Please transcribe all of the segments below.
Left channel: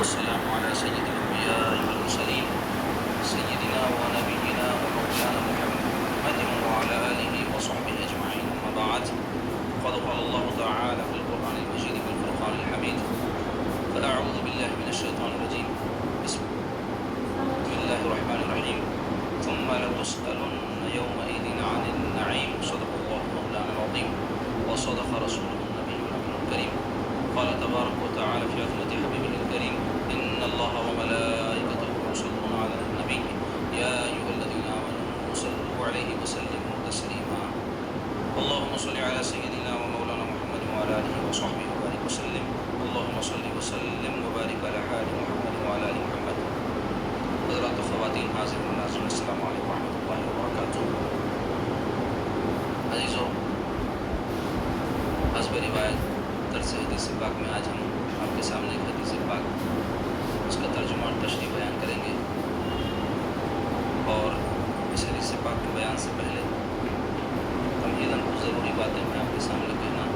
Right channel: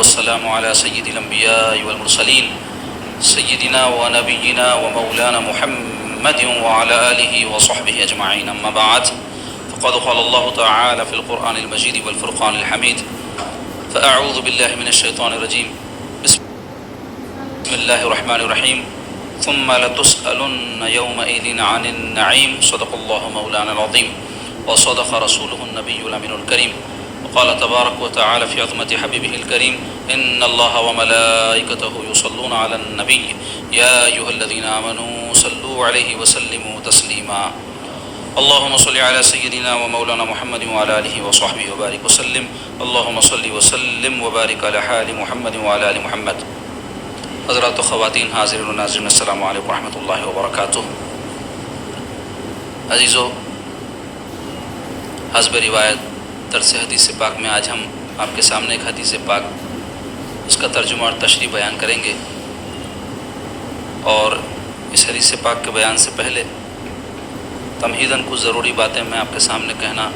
والسلام على سيد الأنبياء والمرسلين سيدنا ونبينا ومولانا محمد وعلى آله وصحبه أجمعين. أما بعد، فقد قال الله تعالى في القرآن المجيد والفرقان الحميد: فأعوذ بالله من الشيطان الرجيم. بسم الله الرحمن الرحيم. ثم لتسألن يومئذ عن النعيم. صدق الله مولانا العظيم وصدق رسوله النبي الأمين الكريم. وقال تبارك وتعالى في عظمة حبيبه الكريم: إن الله وملائكته يصلون على النبي يا أيها الذين آمنوا صلوا عليه وسلموا تسليما. اللهم صل على سيدنا ومولانا محمد وعلى آله وصحبه وبارك وسلم. اللهم صل وسلم وبارك على حال محمد وعلى آل محمد. حضرات و خواتین، حاضرین و ناظرین، السلام علیکم ورحمۃ اللہ وبرکاتہ. عزیزو، حسب روایت درس حدیث پاک میں آج ہم آپ کے سامنے ایک حدیث پاک، اس کا ترجمہ اور تشریح بیان کریں گے. اور اس حدیث پاک کے بیان سے پہلے تمہیداً کچھ ضروری باتیں میں آپ کے سامنے کہنا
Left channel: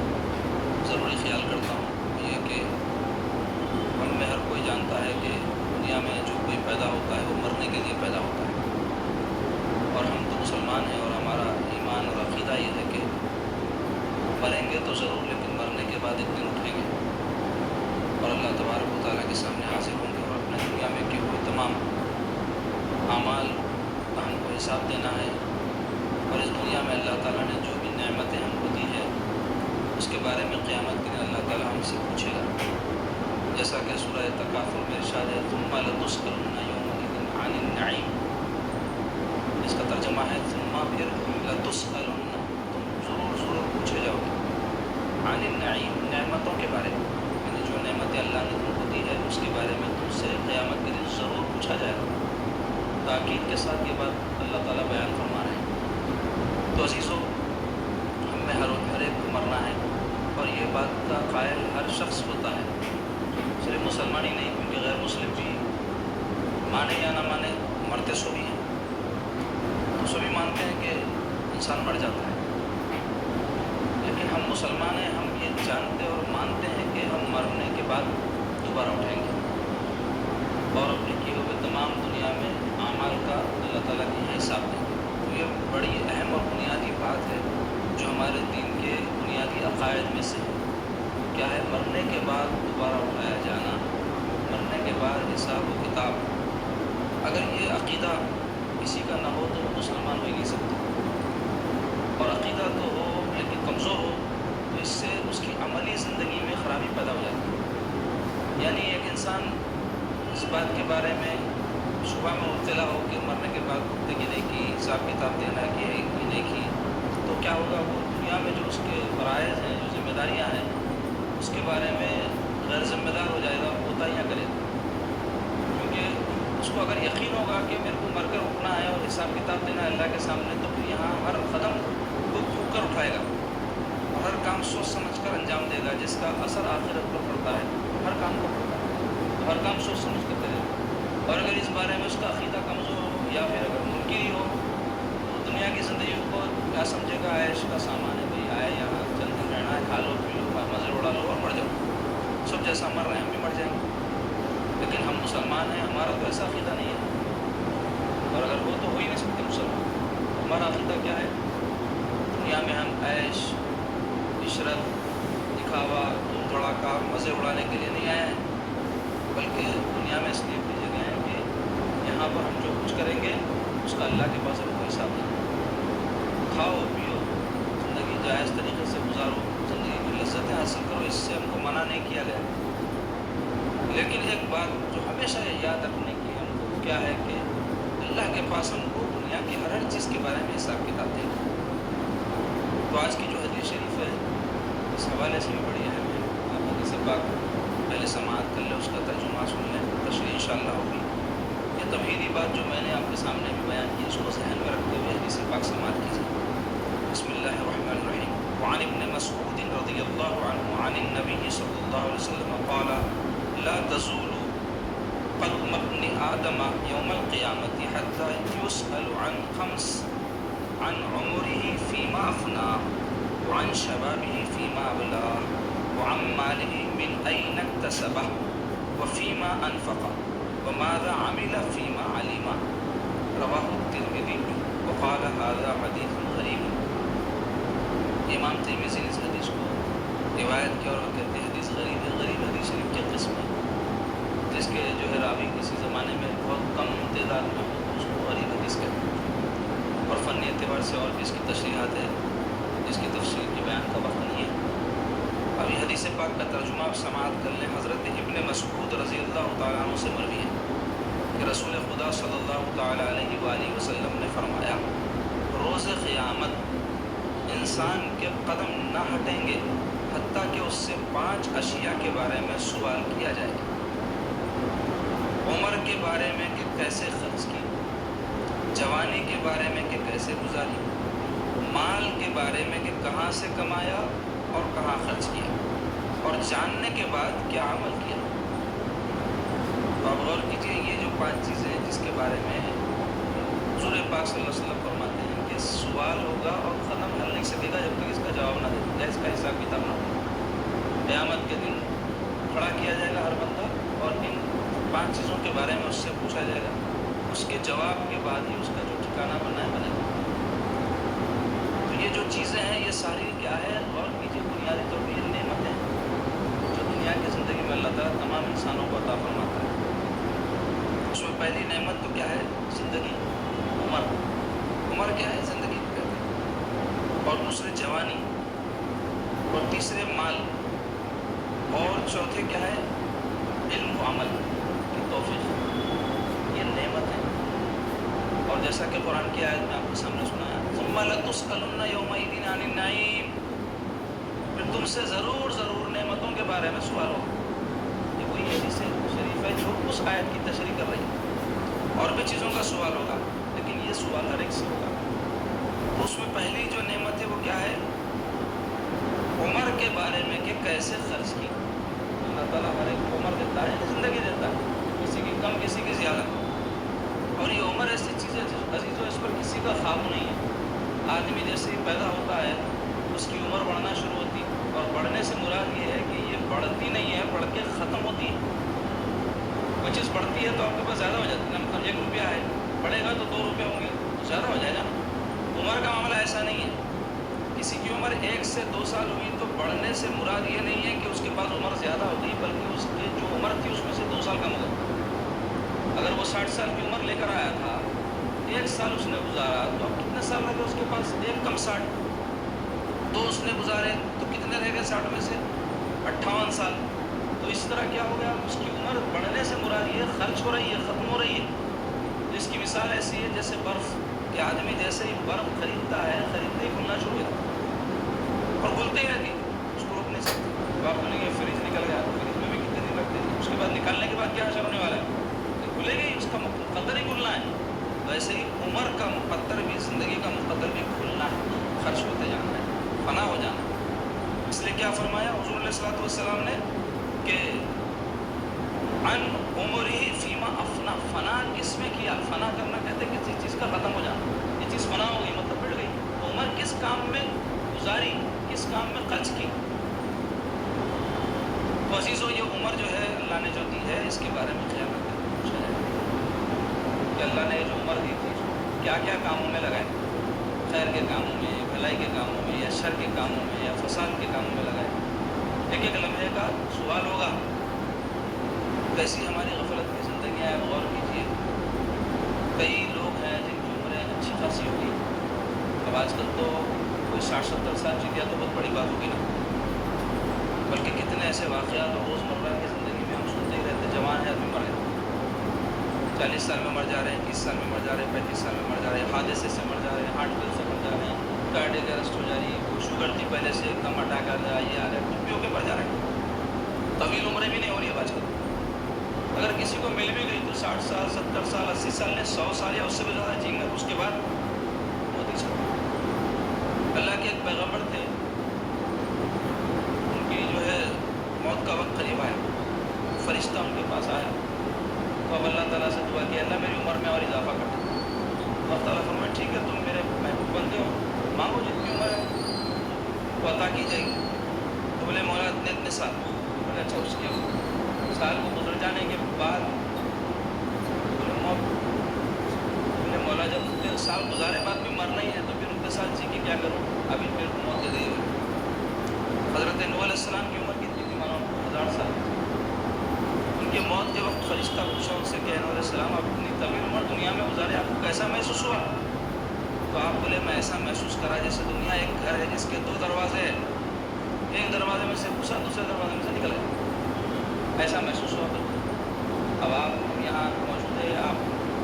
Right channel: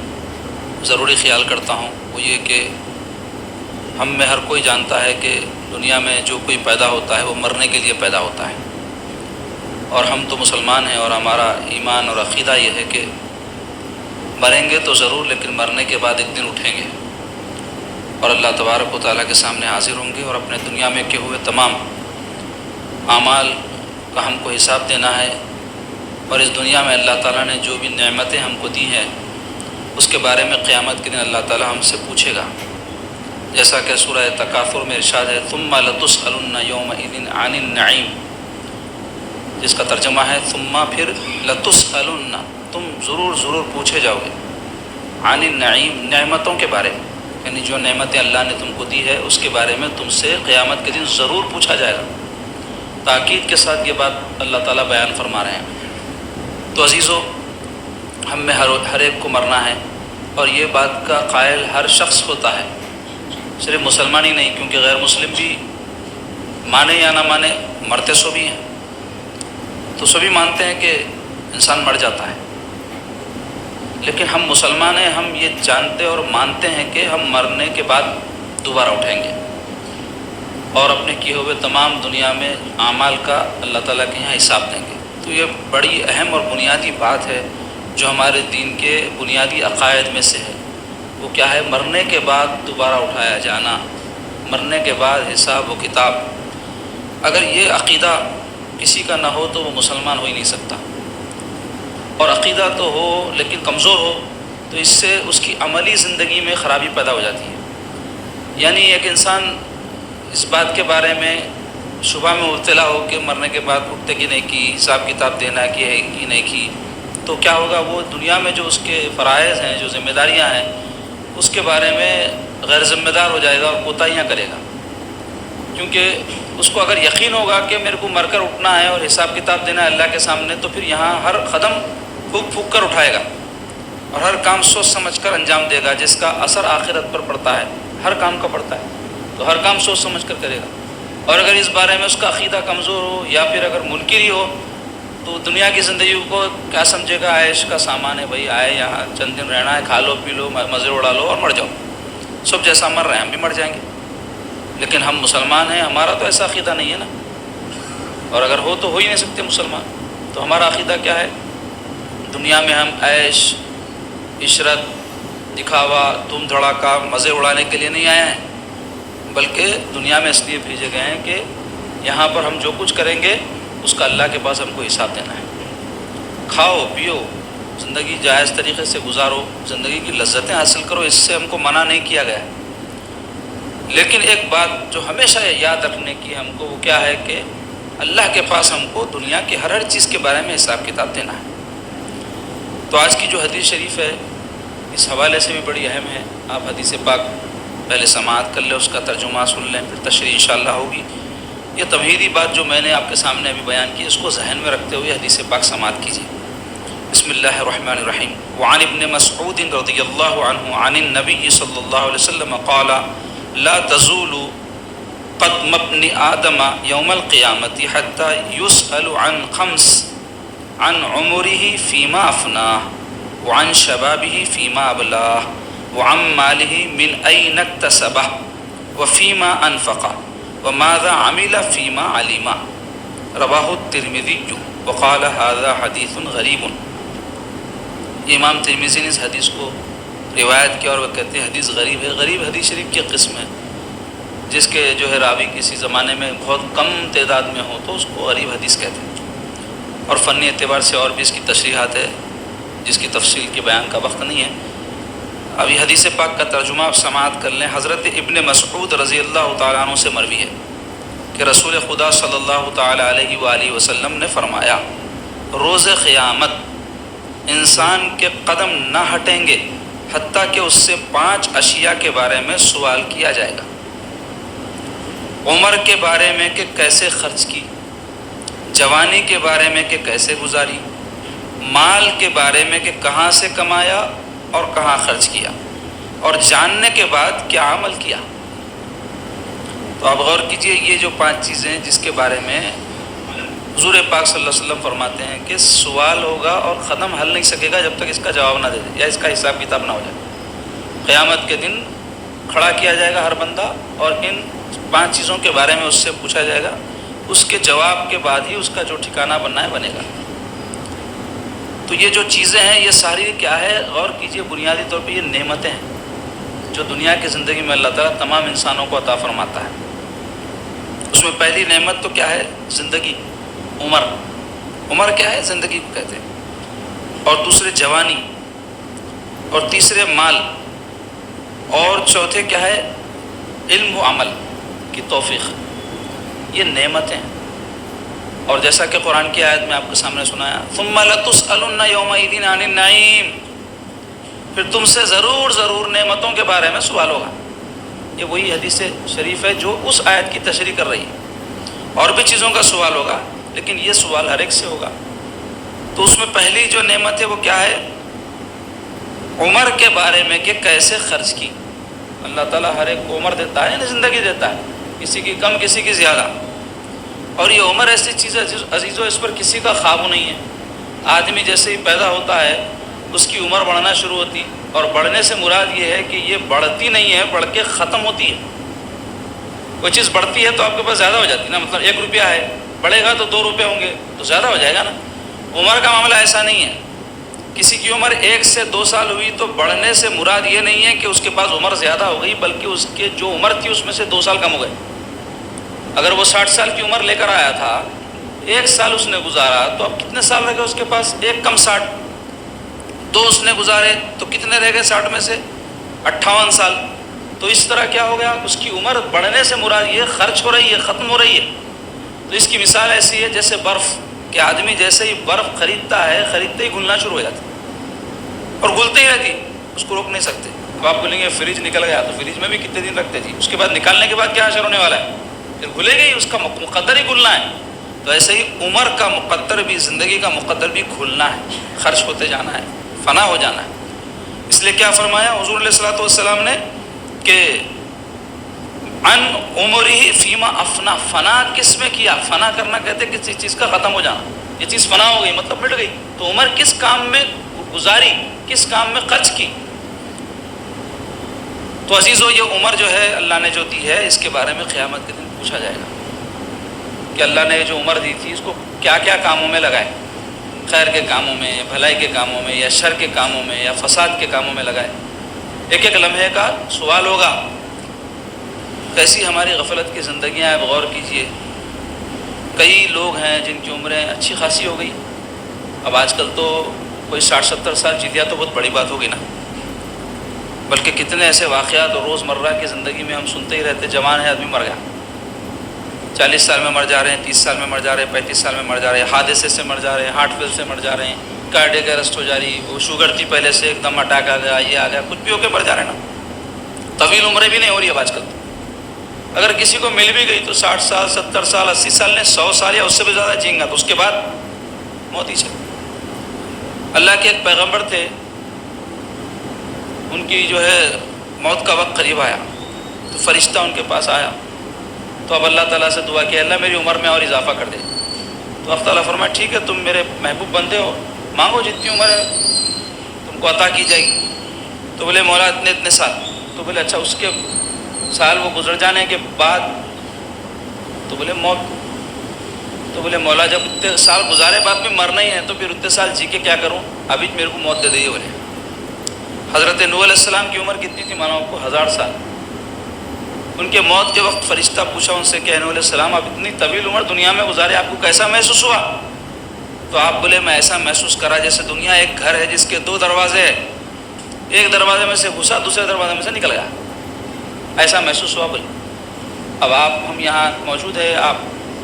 ضروری خیال کرتا ہوں. وہ یہ کہ ہم میں ہر کوئی جانتا ہے کہ دنیا میں جو کوئی پیدا ہوتا ہے وہ مرنے کے لیے پیدا ہوتا ہے، اور ہم تو مسلمان ہیں اور ہمارا ایمان اور عقیدہ یہ ہے کہ مریں گے تو ضرور، لیکن مرنے کے بعد ایک دن اٹھیں گے اور اللہ تبارک و تعالیٰ کے سامنے حاضر ہوں گے، اور اپنے دنیا میں کیے ہوئے تمام اعمال کا ہم کو حساب دینا ہے. اور اس دنیا میں اللہ تعالیٰ نے جو بھی نعمتیں ہم کو دی ہیں اس کے بارے میں قیامت کے دن اللہ تعالیٰ ہم سے پوچھے گا. جیسا کہ سورہ تکاثر میں ارشاد ہے: ثم لتسألن یومئذ عن النعیم، جس کا ترجمہ ہے ثم پھر لتسألن، تم ضرور پوچھے جاؤ گے، عن النعیم، نعمتوں کے بارے میں، یعنی جو نعمتیں اللہ نے تم کو دی ہے اس کے بارے میں تم سے قیامت کے دن ضرور پوچھا جائے گا. تاکید کے ساتھ یہ بات اللہ تعالیٰ بیان فرما رہے ہیں. تو عزیزو، ہم میں ہر ایک کو مرنا ہے، اور یہ بات کا قائل ہر شخص ہوتا ہے، صرف مسلمان ہی نہیں، کیونکہ غیر مسلم بھی مانے یا نہ مانے مرتے سو بھی ہیں. تو سبھی مانتے ہیں کہ انسان مر جاتا ہے، لیکن ہم مسلمان ہیں، ہم یہ جانتے اور مانتے ہیں کہ ہم مرنے کے بعد دوبارہ اٹھیں گے اور اپنے کیے ہوئے تمام دنیا میں اعمال کا اللہ تعالیٰ کے یہاں حساب دیں گے. تو یہ بڑی اہم اور بنیادی بات ہے جو ہمارے دین کے بنیادی عقائد میں سے ہے. وہ کیا ہے؟ مرنے کے بعد دوبارہ اٹھایا جانا، مرنے کے بعد حساب و کتاب. اگر یہ عقیدہ کسی کا نہ ہو تو وہ مسلمان ہو ہی نہیں سکتا، اور عقیدہ تو ہو لیکن کمزور ہو تو اس سے اس کی عملی زندگی میں خرابی پیدا ہو جاتی ہے. یعنی ایک انسان اس بات کے بارے میں شبہ میں مبتلا ہو کہ مرنے کے بعد اٹھتے کی نہیں کی، حساب کتاب دینا کی ہے کہ نہیں کی، تو کیا ہوگا؟ وہ دنیا میں جو اس کے فرائض ہیں، جو ذمہ داریاں ہیں، اس کے بارے میں غیر ذمہ دار ہو جائے گا اور کوتاہیاں کرے گا. کیونکہ اس کو اگر یقین ہوگا کہ میرے کو مر کر اٹھنا ہے اور حساب کتاب دینا ہے اللہ کے سامنے، تو پھر یہاں ہر قدم پھونک کر اٹھائے گا اور ہر کام سوچ سمجھ کر انجام دے گا، جس کا اثر آخرت پر پڑتا ہے، ہر کام کا پڑتا ہے. تو ہر کام سوچ سمجھ کر کرے گا. اور اگر اس بارے میں اس کا عقیدہ کمزور ہو یا پھر اگر منکر ہی ہو تو دنیا کی زندگی کو کیا سمجھے گا؟ عیش کا سامان ہے، بھائی آئے یہاں چند دن رہنا ہے، کھا لو پی لو مزے اڑا لو اور مر جاؤ. سب جیسا مر رہے ہیں ہم بھی مر جائیں گے. لیکن ہم مسلمان ہیں، ہمارا تو ایسا عقیدہ نہیں ہے نا، اور اگر ہو تو ہو ہی نہیں سکتے مسلمان. تو ہمارا عقیدہ کیا ہے؟ دنیا میں ہم عیش عشرت دکھاوا دھوم دھڑاکا مزے اڑانے کے لیے نہیں آئے ہیں، بلکہ دنیا میں اس لیے بھیجے گئے ہیں کہ یہاں پر ہم جو کچھ کریں گے اس کا اللہ کے پاس ہم کو حساب دینا ہے. کھاؤ پیو، زندگی جائز طریقے سے گزارو، زندگی کی لذتیں حاصل کرو، اس سے ہم کو منع نہیں کیا گیا. لیکن ایک بات جو ہمیشہ یاد رکھنے کی ہم کو، وہ کیا ہے کہ اللہ کے پاس ہم کو دنیا کی ہر چیز کے بارے میں حساب کتاب دینا ہے. تو آج کی جو حدیث شریف ہے اس حوالے سے بھی بڑی اہم ہے. آپ حدیث پاک پہلے سماعت کر لیں، اس کا ترجمہ سن لیں، پھر تشریح انشاءاللہ ہوگی. یہ تمہیدی بات جو میں نے آپ کے سامنے ابھی بیان کی، اس کو ذہن میں رکھتے ہوئے حدیث پاک سماعت کیجیے. بسم اللہ الرحمن الرحیم. وعن ابن مسعود رضی اللہ عنہ عن النبی صلی اللہ علیہ وسلم قال: لا تزول قدم ابن آدم یوم القیامت حتی یسأل عن خمس: عن عمره فیما افناه، وعن شبابه فیما ابلاه، وعن ماله من أين اكتسبه، وفیما انفقا وماذا عمل فیما علما رواہ الترمذی وقال هذا حدیث غریب۔ امام ترمذی نے اس حدیث کو روایت کیا اور وہ کہتے ہیں حدیث غریب ہے۔ غریب حدیث شریف کی قسم ہے جس کے جو ہے راوی کسی زمانے میں بہت کم تعداد میں ہو تو اس کو غریب حدیث کہتے ہیں، اور فنی اعتبار سے اور بھی اس کی تشریحات ہے جس کی تفصیل کے بیان کا وقت نہیں ہے۔ ابھی حدیث پاک کا ترجمہ آپ سماعت کر لیں۔ حضرت ابن مسعود رضی اللہ تعالیٰ عنہ سے مروی ہے کہ رسول خدا صلی اللہ تعالیٰ علیہ وآلہ وسلم نے فرمایا، روز قیامت انسان کے قدم نہ ہٹیں گے حتیٰ کہ اس سے 5 اشیاء کے بارے میں سوال کیا جائے گا۔ عمر کے بارے میں کہ کیسے خرچ کی، جوانی کے بارے میں کہ کیسے گزاری، مال کے بارے میں کہ کہاں سے کمایا اور کہاں خرچ کیا، اور جاننے کے بعد کیا عمل کیا۔ تو آپ غور کیجئے، یہ جو 5 چیزیں ہیں جس کے بارے میں حضور پاک صلی اللہ علیہ وسلم فرماتے ہیں کہ سوال ہوگا اور ختم حل نہیں سکے گا جب تک اس کا جواب نہ دے دے یا اس کا حساب کتاب نہ ہو جائے۔ قیامت کے دن کھڑا کیا جائے گا ہر بندہ اور ان 5 چیزوں کے بارے میں اس سے پوچھا جائے گا، اس کے جواب کے بعد ہی اس کا جو ٹھکانہ بننا ہے بنے گا۔ تو یہ جو چیزیں ہیں یہ ساری کیا ہے؟ غور کیجئے، بنیادی طور پہ یہ نعمتیں ہیں جو دنیا کی زندگی میں اللہ تعالیٰ تمام انسانوں کو عطا فرماتا ہے۔ اس میں پہلی نعمت تو کیا ہے؟ زندگی، عمر کیا ہے؟ زندگی کو کہتے ہیں، اور دوسرے جوانی، اور تیسرے مال، اور چوتھے کیا ہے؟ علم و عمل کی توفیق۔ یہ نعمتیں، اور جیسا کہ قرآن کی آیت میں آپ کے سامنے سنایا، ثم لتسألن یومئذ عن النعیم، پھر تم سے ضرور نعمتوں کے بارے میں سوال ہوگا۔ یہ وہی حدیث شریف ہے جو اس آیت کی تشریح کر رہی ہے۔ اور بھی چیزوں کا سوال ہوگا لیکن یہ سوال ہر ایک سے ہوگا۔ تو اس میں پہلی جو نعمت ہے وہ کیا ہے؟ عمر کے بارے میں کہ کیسے خرچ کی۔ اللہ تعالیٰ ہر ایک کو عمر دیتا ہے، زندگی دیتا ہے، کسی کی کم کسی کی زیادہ، اور یہ عمر ایسی چیز ہے عزیزو اس پر کسی کا قابو نہیں ہے۔ آدمی جیسے ہی پیدا ہوتا ہے اس کی عمر بڑھنا شروع ہوتی، اور بڑھنے سے مراد یہ ہے کہ یہ بڑھتی نہیں ہے، بڑھ کے ختم ہوتی ہے۔ کوئی چیز بڑھتی ہے تو آپ کے پاس زیادہ ہو جاتی ہے نا، مطلب 1 روپیہ ہے، بڑھے گا تو 2 روپے ہوں گے تو زیادہ ہو جائے گا نا۔ عمر کا معاملہ ایسا نہیں ہے، کسی کی عمر 1 سے 2 سال ہوئی تو بڑھنے سے مراد یہ نہیں ہے کہ اس کے پاس عمر زیادہ ہو گئی، بلکہ اس کے جو عمر تھی اس میں سے 2 سال کم ہو گئے۔ اگر وہ 60 سال کی عمر لے کر آیا تھا، 1 سال اس نے گزارا تو اب کتنے سال رہ گئے اس کے پاس؟ 1 کم 60، 2 اس نے گزارے تو کتنے رہ گئے 60 میں سے؟ 58 سال۔ تو اس طرح کیا ہو گیا؟ اس کی عمر بڑھنے سے مراد یہ خرچ ہو رہی ہے، ختم ہو رہی ہے۔ تو اس کی مثال ایسی ہے جیسے برف، کہ آدمی جیسے ہی برف خریدتا ہے، خریدتے ہی گھلنا شروع ہو جاتا ہے اور گھلتے ہی رہتی، اس کو روک نہیں سکتے۔ اب آپ بولیں گے فریج نکل گیا، تو فریج میں بھی کتنے دن رکھتے تھے، اس کے بعد نکالنے کے بعد کیا اثر ہونے والا ہے؟ پھر گھلے گئی، اس کا مقدر ہی گھلنا ہے۔ تو ایسے ہی عمر کا مقدر بھی، زندگی کا مقدر بھی کھلنا ہے، خرچ ہوتے جانا ہے، فنا ہو جانا ہے۔ اس لیے کیا فرمایا حضور علیہ الصلوۃ والسلام نے کہ عن عمرہ فیما افنا، فنا کس میں کیا؟ فنا کرنا کہتے ہیں کسی چیز کا ختم ہو جانا، یہ چیز فنا ہو گئی مطلب مٹ گئی۔ تو عمر کس کام میں گزاری، کس کام میں خرچ کی؟ تو عزیزو یہ عمر جو ہے اللہ نے جو دی ہے، اس کے بارے میں قیامت کے دن پوچھا جائے گا کہ اللہ نے جو عمر دی تھی اس کو کیا کیا کاموں میں لگائے، خیر کے کاموں میں، بھلائی کے کاموں میں، یا شر کے کاموں میں، یا فساد کے کاموں میں لگائے۔ ایک ایک لمحے کا سوال ہوگا۔ کیسی ہماری غفلت کی زندگیاں ہیں، غور کیجئے۔ کئی لوگ ہیں جن کی عمریں اچھی خاصی ہو گئی، اب آج کل تو کوئی 60-70 سال جیت گیا تو بہت بڑی بات ہوگی نا، بلکہ کتنے ایسے واقعات اور روزمرہ کی زندگی میں ہم سنتے ہی رہتے، جوان ہے آدمی مر گیا، 40 سال میں مر جا رہے ہیں، 30 سال میں مر جا رہے ہیں، 35 سال میں مر جا رہے ہیں، حادثے سے مر جا رہے ہیں، ہارٹ فیل سے مر جا رہے ہیں، کارڈیک ارسٹ ہو جا رہی، وہ شوگر تھی پہلے سے ایک دم اٹیک آ گیا، یہ آ گیا، کچھ بھی ہو کے مر جا رہے ہیں نا۔ طویل عمریں بھی نہیں ہو رہی اب آج کل۔ اگر کسی کو مل بھی گئی تو 60 سال، 70 سال، 80 سال نے 100 سال یا اس سے بھی زیادہ جئیں گا، تو اس کے بعد موت ہی چلی۔ اللہ کے ایک پیغمبر تھے، ان کی جو ہے موت کا وقت قریب آیا تو فرشتہ ان کے پاس آیا، تو اب اللہ تعالیٰ سے دعا کہ اللہ میری عمر میں اور اضافہ کر دے۔ تو اللہ تعالیٰ فرمایا ٹھیک ہے، تم میرے محبوب بندے ہو، مانگو جتنی عمر ہے تم کو عطا کی جائے گی۔ تو بولے مولا اتنے سال، تو بولے اچھا اس کے سال وہ گزر جانے کے بعد تو بولے موت، تو بولے مولا جب اتنے سال گزارے بعد میں مرنا ہی ہے تو پھر اتنے سال جی کے کیا کروں، ابھی میرے کو موت دے دی بولے۔ حضرت نوح علیہ السلام کی عمر کتنی تھی مانو آپ کو؟ 1000 سال۔ ان کے موت کے وقت فرشتہ پوچھا ان سے کہ نوح علیہ السلام آپ اتنی طویل عمر دنیا میں گزارے، آپ کو کیسا محسوس ہوا؟ تو آپ بولے میں ایسا محسوس کرا جیسے دنیا ایک گھر ہے جس کے 2 دروازے ہیں، ایک دروازے میں سے گھسا دوسرے دروازے میں سے نکل گیا، ایسا محسوس ہوا بولے۔ اب ہم یہاں موجود ہیں،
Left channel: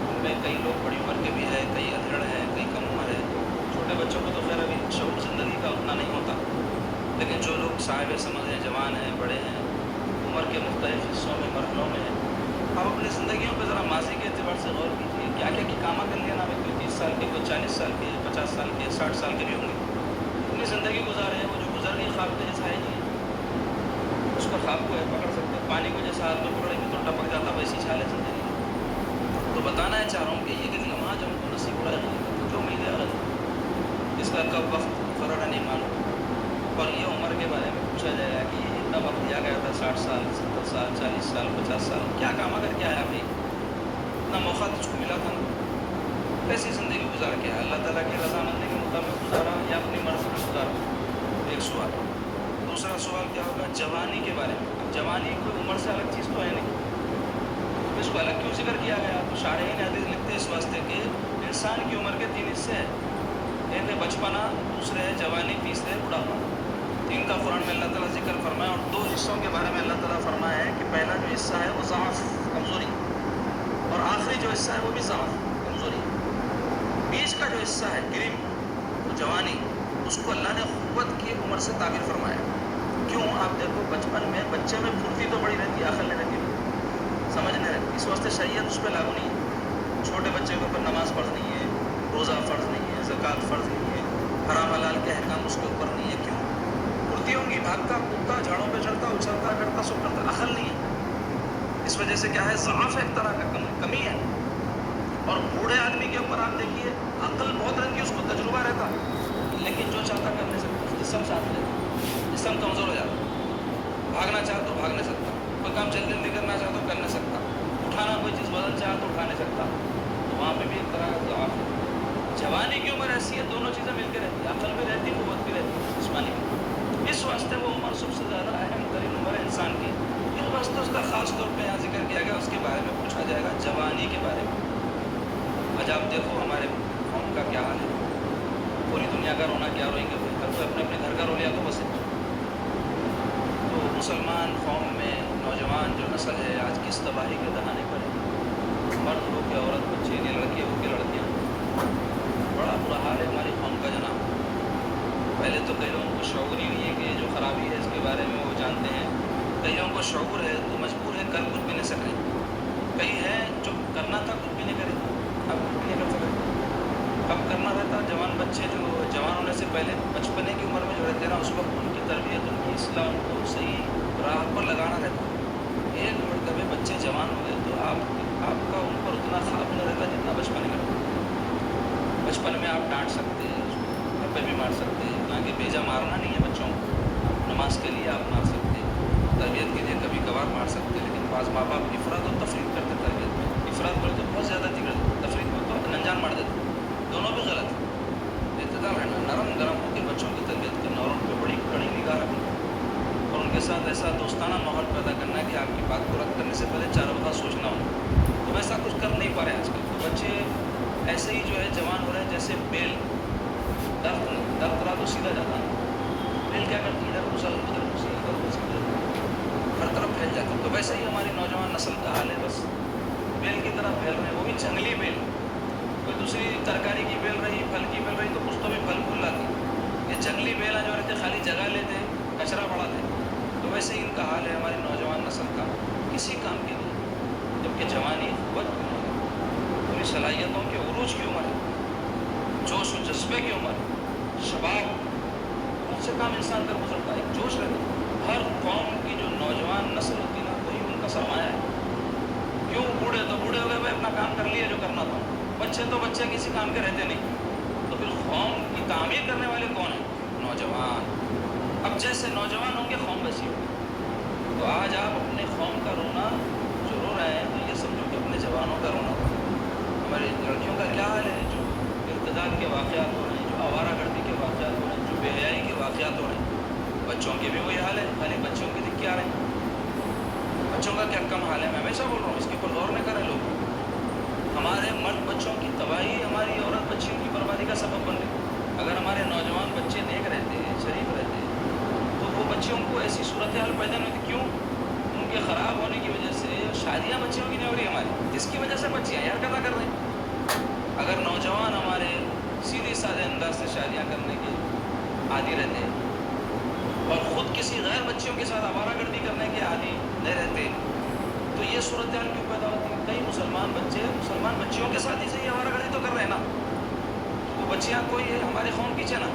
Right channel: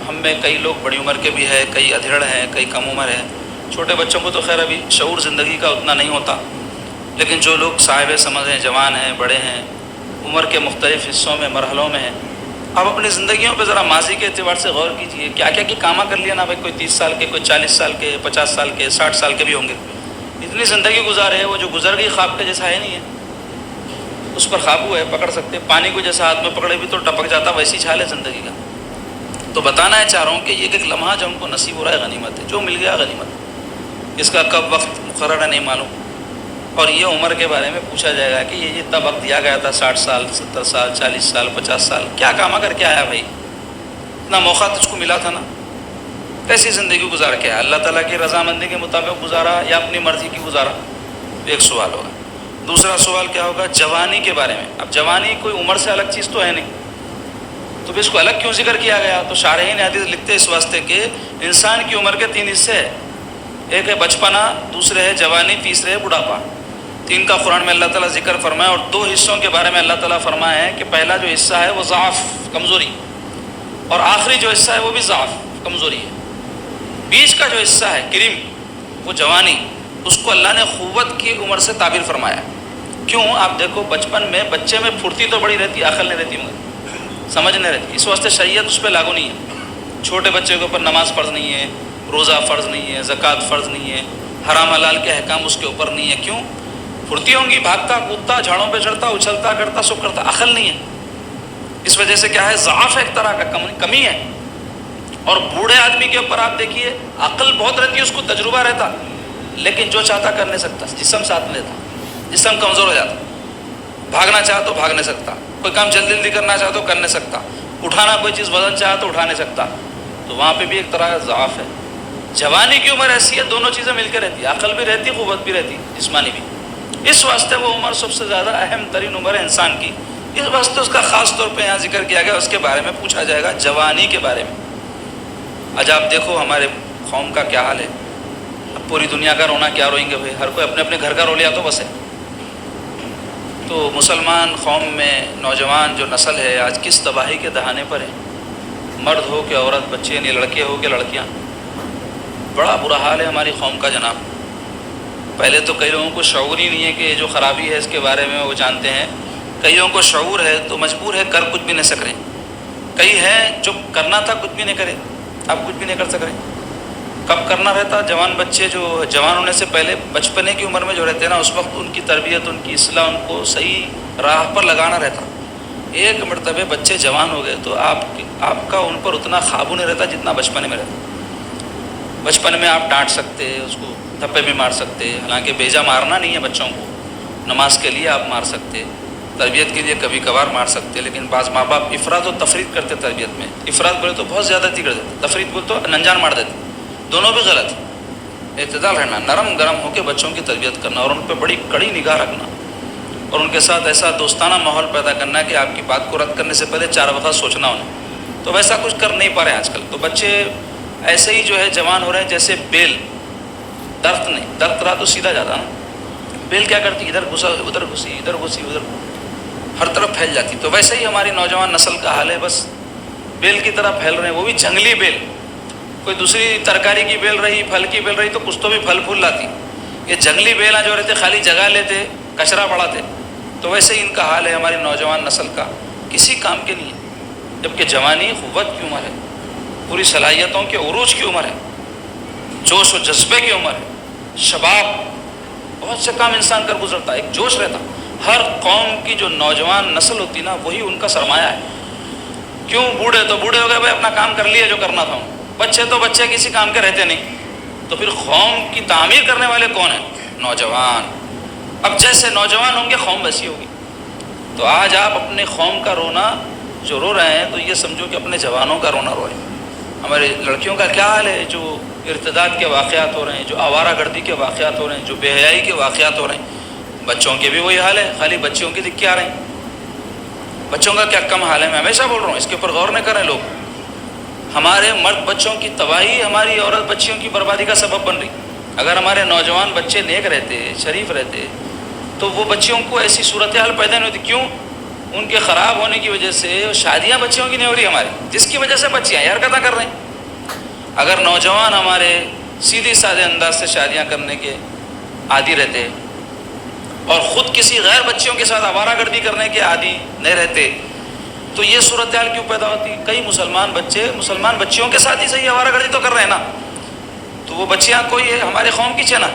ہم میں کئی لوگ بڑی عمر کے بھی ہیں، کئی ادھیڑ ہیں، کئی کم عمر ہیں۔ چھوٹے بچوں کو تو خیر ابھی شعور زندگی کا اتنا نہیں ہوتا، لیکن جو لوگ صاحب سمجھ ہیں، جوان ہیں، بڑے ہیں، عمر کے مختلف حصوں میں مرحلوں میں ہیں، اب اپنی زندگیوں پہ ذرا ماضی کے اعتبار سے غور کیجئے، کیا کیا کہ کامہ کر لیا نا بھائی، کوئی 30 سال کے، کوئی 40 سال کے، 50 سال کے، 60 سال کے بھی ہوں گے، اتنی زندگی گزارے ہیں، وہ جو گزر گئی خواب کے جیسا ہے نہیں ہے، اس پر قابو ہے، پکڑ سکتے، پانی کو جیسا ہاتھ میں پکڑے بھی تو ٹپک جاتا، ویسی چھال ہے زندگی کا۔ تو بتانا ہے چاہ رہا ہوں کہ یہ ایک لمحہ جو ہم کو نصیب ہو رہا ہے غنیمت ہے، جو مل گیا غنیمت، اس کا کب وقت مقرر ہے نہیں معلوم۔ اور یہ عمر کے بارے میں پوچھا جائے گا کہ یہ اتنا وقت دیا گیا تھا، 60 سال، 70 سال، 40 سال، 50 سال، کیا کام کر کے آیا بھائی؟ اتنا موقع تجھ کو ملا تھا نا، کیسی زندگی گزار کے آیا؟ اللہ تعالیٰ کی رضامندی کے مطابق گزارا یا اپنی مرضی کی گزارا؟ ایک سوال ہوگا۔ دوسرا سوال کیا ہوگا؟ جوانی کے بارے میں۔ اب جوانی کوئی عمر سے الگ چیز تو ہے نہیں، تو پھر اس کو الگ کیوں ذکر کیا گیا؟ تو شارحین حدیث لکھتے اس واسطے کہ انسان کی عمر کے 3 حصے ہیں، ایک ہے بچپنا، دوسرے ہے جوانی، تیسرے ہے بڑھاپا۔ 3 کا قرآن میں اللہ تعالیٰ ذکر فرمایا، اور 2 حصوں کے بارے میں اللہ تعالیٰ فرمایا ہے کہ پہلا جو حصہ ہے وہ ضعف، کمزوری، اور آخری جو حصہ ہے وہ بھی ضعف، کمزوری ہے۔ بیچ کا جو حصہ ہے کریم، وہ جوانی، اس کو اللہ نے قوت کی عمر سے تعبیر فرمایا۔ کیوں؟ آپ دیکھو بچپن میں بچے میں پھرتی تو بڑی رہتی، عقل نہیں رہتی، سمجھ نہیں رہتی، اس واسطے شریعت اس پہ لاگو نہیں ہے۔ چھوٹے بچے کے اوپر نماز فرض نہیں ہے، روزہ فرض نہیں ہے، زکوٰۃ فرض نہیں ہے، حرام حلال کے احکام اس کے اوپر نہیں ہے۔ کیوں؟ پھرتی ہوں گی، بھاگتا کودتا، جھاڑوں پہ چڑھتا، اچھلتا کرتا، سب کرتا، عقل نہیں ہے، اس وجہ سے کیا ہے؟ ضعف ایک طرح کا کمی ہے۔ اور بوڑھے آدمی کے اوپر آپ دیکھیے عقل بہت رہتی ہے، اس کو تجربہ رہتا، لیکن جو چاہتا کر نہیں سکتا، جسم ساتھ نہیں لیتا، جسم کمزور ہو جاتا، بھاگنا چاہا تو بھاگ نہیں سکتا، کوئی کام جلدی جلدی کرنا چاہا تو کر نہیں سکتا، اٹھانا کوئی چیز وزن چاہا تو اٹھا نہیں سکتا، تو وہاں پہ بھی ایک طرح کا ضعف ہے۔ جوانی کی عمر ایسی ہے، دونوں چیزیں مل کے رہتی، عقل بھی رہتی، قوت بھی رہتی، جسمانی بھی، اس واسطے وہ عمر سب سے زیادہ اہم ترین عمر ہے انسان کی، اس واسطے اس کا خاص طور پہ یہاں ذکر کیا گیا، اس کے بارے میں پوچھا جائے گا، جوانی کے بارے میں۔ آج آپ دیکھو ہمارے قوم کا کیا حال ہے، اب پوری دنیا کا رونا کیا روئیں گے بھائی، ہر کوئی اپنے اپنے گھر کا رو لیا تو بس ہے۔ تو مسلمان قوم میں نوجوان جو نسل ہے آج کس تباہی کے دہانے پر ہے، مرد ہو کہ عورت، بچے یعنی لڑکے ہو کہ لڑکیاں، بڑا برا حال ہے ہماری قوم کا جناب۔ پہلے تو کئی لوگوں کو شعور ہی نہیں ہے کہ یہ جو خرابی ہے اس کے بارے میں وہ جانتے ہیں، کئی لوگوں کو شعور ہے تو مجبور ہے، کر کچھ بھی نہیں سک رہے، کئی ہیں جو کرنا تھا کچھ بھی نہیں کرے، اب کچھ بھی نہیں کر سک رہے۔ کب کرنا رہتا؟ جوان بچے جو جوان ہونے سے پہلے بچپنے کی عمر میں جو رہتے ہیں نا، اس وقت ان کی تربیت، ان کی اصلاح، ان کو صحیح راہ پر لگانا رہتا۔ ایک مرتبہ بچے جوان ہو گئے تو آپ کا ان پر اتنا قابو نہیں رہتا جتنا بچپنے میں رہتا۔ بچپن میں آپ ڈانٹ سکتے، اس کو تھپے بھی مار سکتے، حالانکہ بیجا مارنا نہیں ہے بچوں کو، نماز کے لیے آپ مار سکتے، تربیت کے لیے کبھی کبھار مار سکتے، لیکن بعض ماں باپ افراط و تفریط کرتے تربیت میں، افراط بولے تو بہت زیادتی کر دیتے، تفریط بولے تو انجان مار دیتے، دونوں بھی غلط ہے۔ اعتدال رہنا، نرم گرم ہو کے بچوں کی تربیت کرنا، اور ان پہ بڑی کڑی نگاہ رکھنا، اور ان کے ساتھ ایسا دوستانہ ماحول پیدا کرنا کہ آپ کی بات کو رد کرنے سے پہلے 4 وقت سوچنا انہیں، تو ویسا کچھ کر نہیں پا رہے ہیں آج کل۔ تو بچے ایسے ہی جو ہے جوان ہو رہے ہیں جیسے بیل، درخت نہیں، درخت رہا تو سیدھا جاتا نا، بیل کیا کرتی، ادھر گھسا ادھر گھسی، ادھر گھسی ادھر، ہر طرف پھیل جاتی۔ تو ویسے ہی ہماری نوجوان نسل کا حال ہے، بس بیل کی طرح پھیل رہے ہیں، وہ بھی جنگلی بیل، کوئی دوسری ترکاری کی بیل رہی، پھل کی بیل رہی تو کچھ تو بھی پھل پھول لاتی، یہ جنگلی بیلاں جو رہتے خالی جگہ لیتے، کچرا بڑھاتے۔ تو ویسے ہی ان کا حال ہے ہماری نوجوان نسل کا، کسی کام کے نہیں ہے، جبکہ جوانی قوت کی عمر ہے، پوری صلاحیتوں کے عروج کی عمر ہے، جوش و جذبے کی عمر ہے، شباب، بہت سے کام انسان کر گزرتا ہے، ایک جوش رہتا۔ ہر قوم کی جو نوجوان نسل ہوتی نا، وہی ان کا سرمایہ ہے۔ کیوں؟ بوڑھے تو بوڑھے ہو گئے بھائی، اپنا کام کر لیا جو کرنا تھا، بچے تو بچے کسی کام کے رہتے نہیں، تو پھر قوم کی تعمیر کرنے والے کون ہیں؟ نوجوان۔ اب جیسے نوجوان ہوں گے قوم ویسی ہوگی۔ تو آج آپ اپنے قوم کا رونا جو رو رہے ہیں تو یہ سمجھو کہ اپنے جوانوں کا رونا رو رہے ہیں۔ ہمارے لڑکیوں کا کیا حال ہے جو ارتداد کے واقعات ہو رہے ہیں، جو آوارہ گردی کے واقعات ہو رہے ہیں، جو بے حیائی کے واقعات ہو رہے ہیں، بچوں کے بھی وہی حال ہے، خالی بچوں کی دکھ کے آ رہے ہیں۔ بچوں کا کیا کم حال ہے، میں ہمیشہ بول رہا ہوں، اس کے اوپر غور نہ کریں لوگ۔ ہمارے مرد بچوں کی تباہی ہماری عورت بچیوں کی بربادی کا سبب بن رہی۔ اگر ہمارے نوجوان بچے نیک رہتے، شریف رہتے، تو وہ بچیوں کو ایسی صورتحال پیدا نہیں ہوتی۔ کیوں؟ ان کے خراب ہونے کی وجہ سے شادیاں بچیوں کی نہیں ہو رہی ہماری، جس کی وجہ سے بچیاں یہ حرکتیں کر رہے ہیں۔ اگر نوجوان ہمارے سیدھے سادے انداز سے شادیاں کرنے کے عادی رہتے اور خود کسی غیر بچیوں کے ساتھ آوارہ گردی کرنے کے عادی نہیں رہتے تو یہ صورتحال کیوں پیدا ہوتی؟ کئی مسلمان بچے مسلمان بچیوں کے ساتھ ہی صحیح آوارہ گردی تو کر رہے ہیں نا، تو وہ بچیاں کوئی ہمارے قوم کی چنا،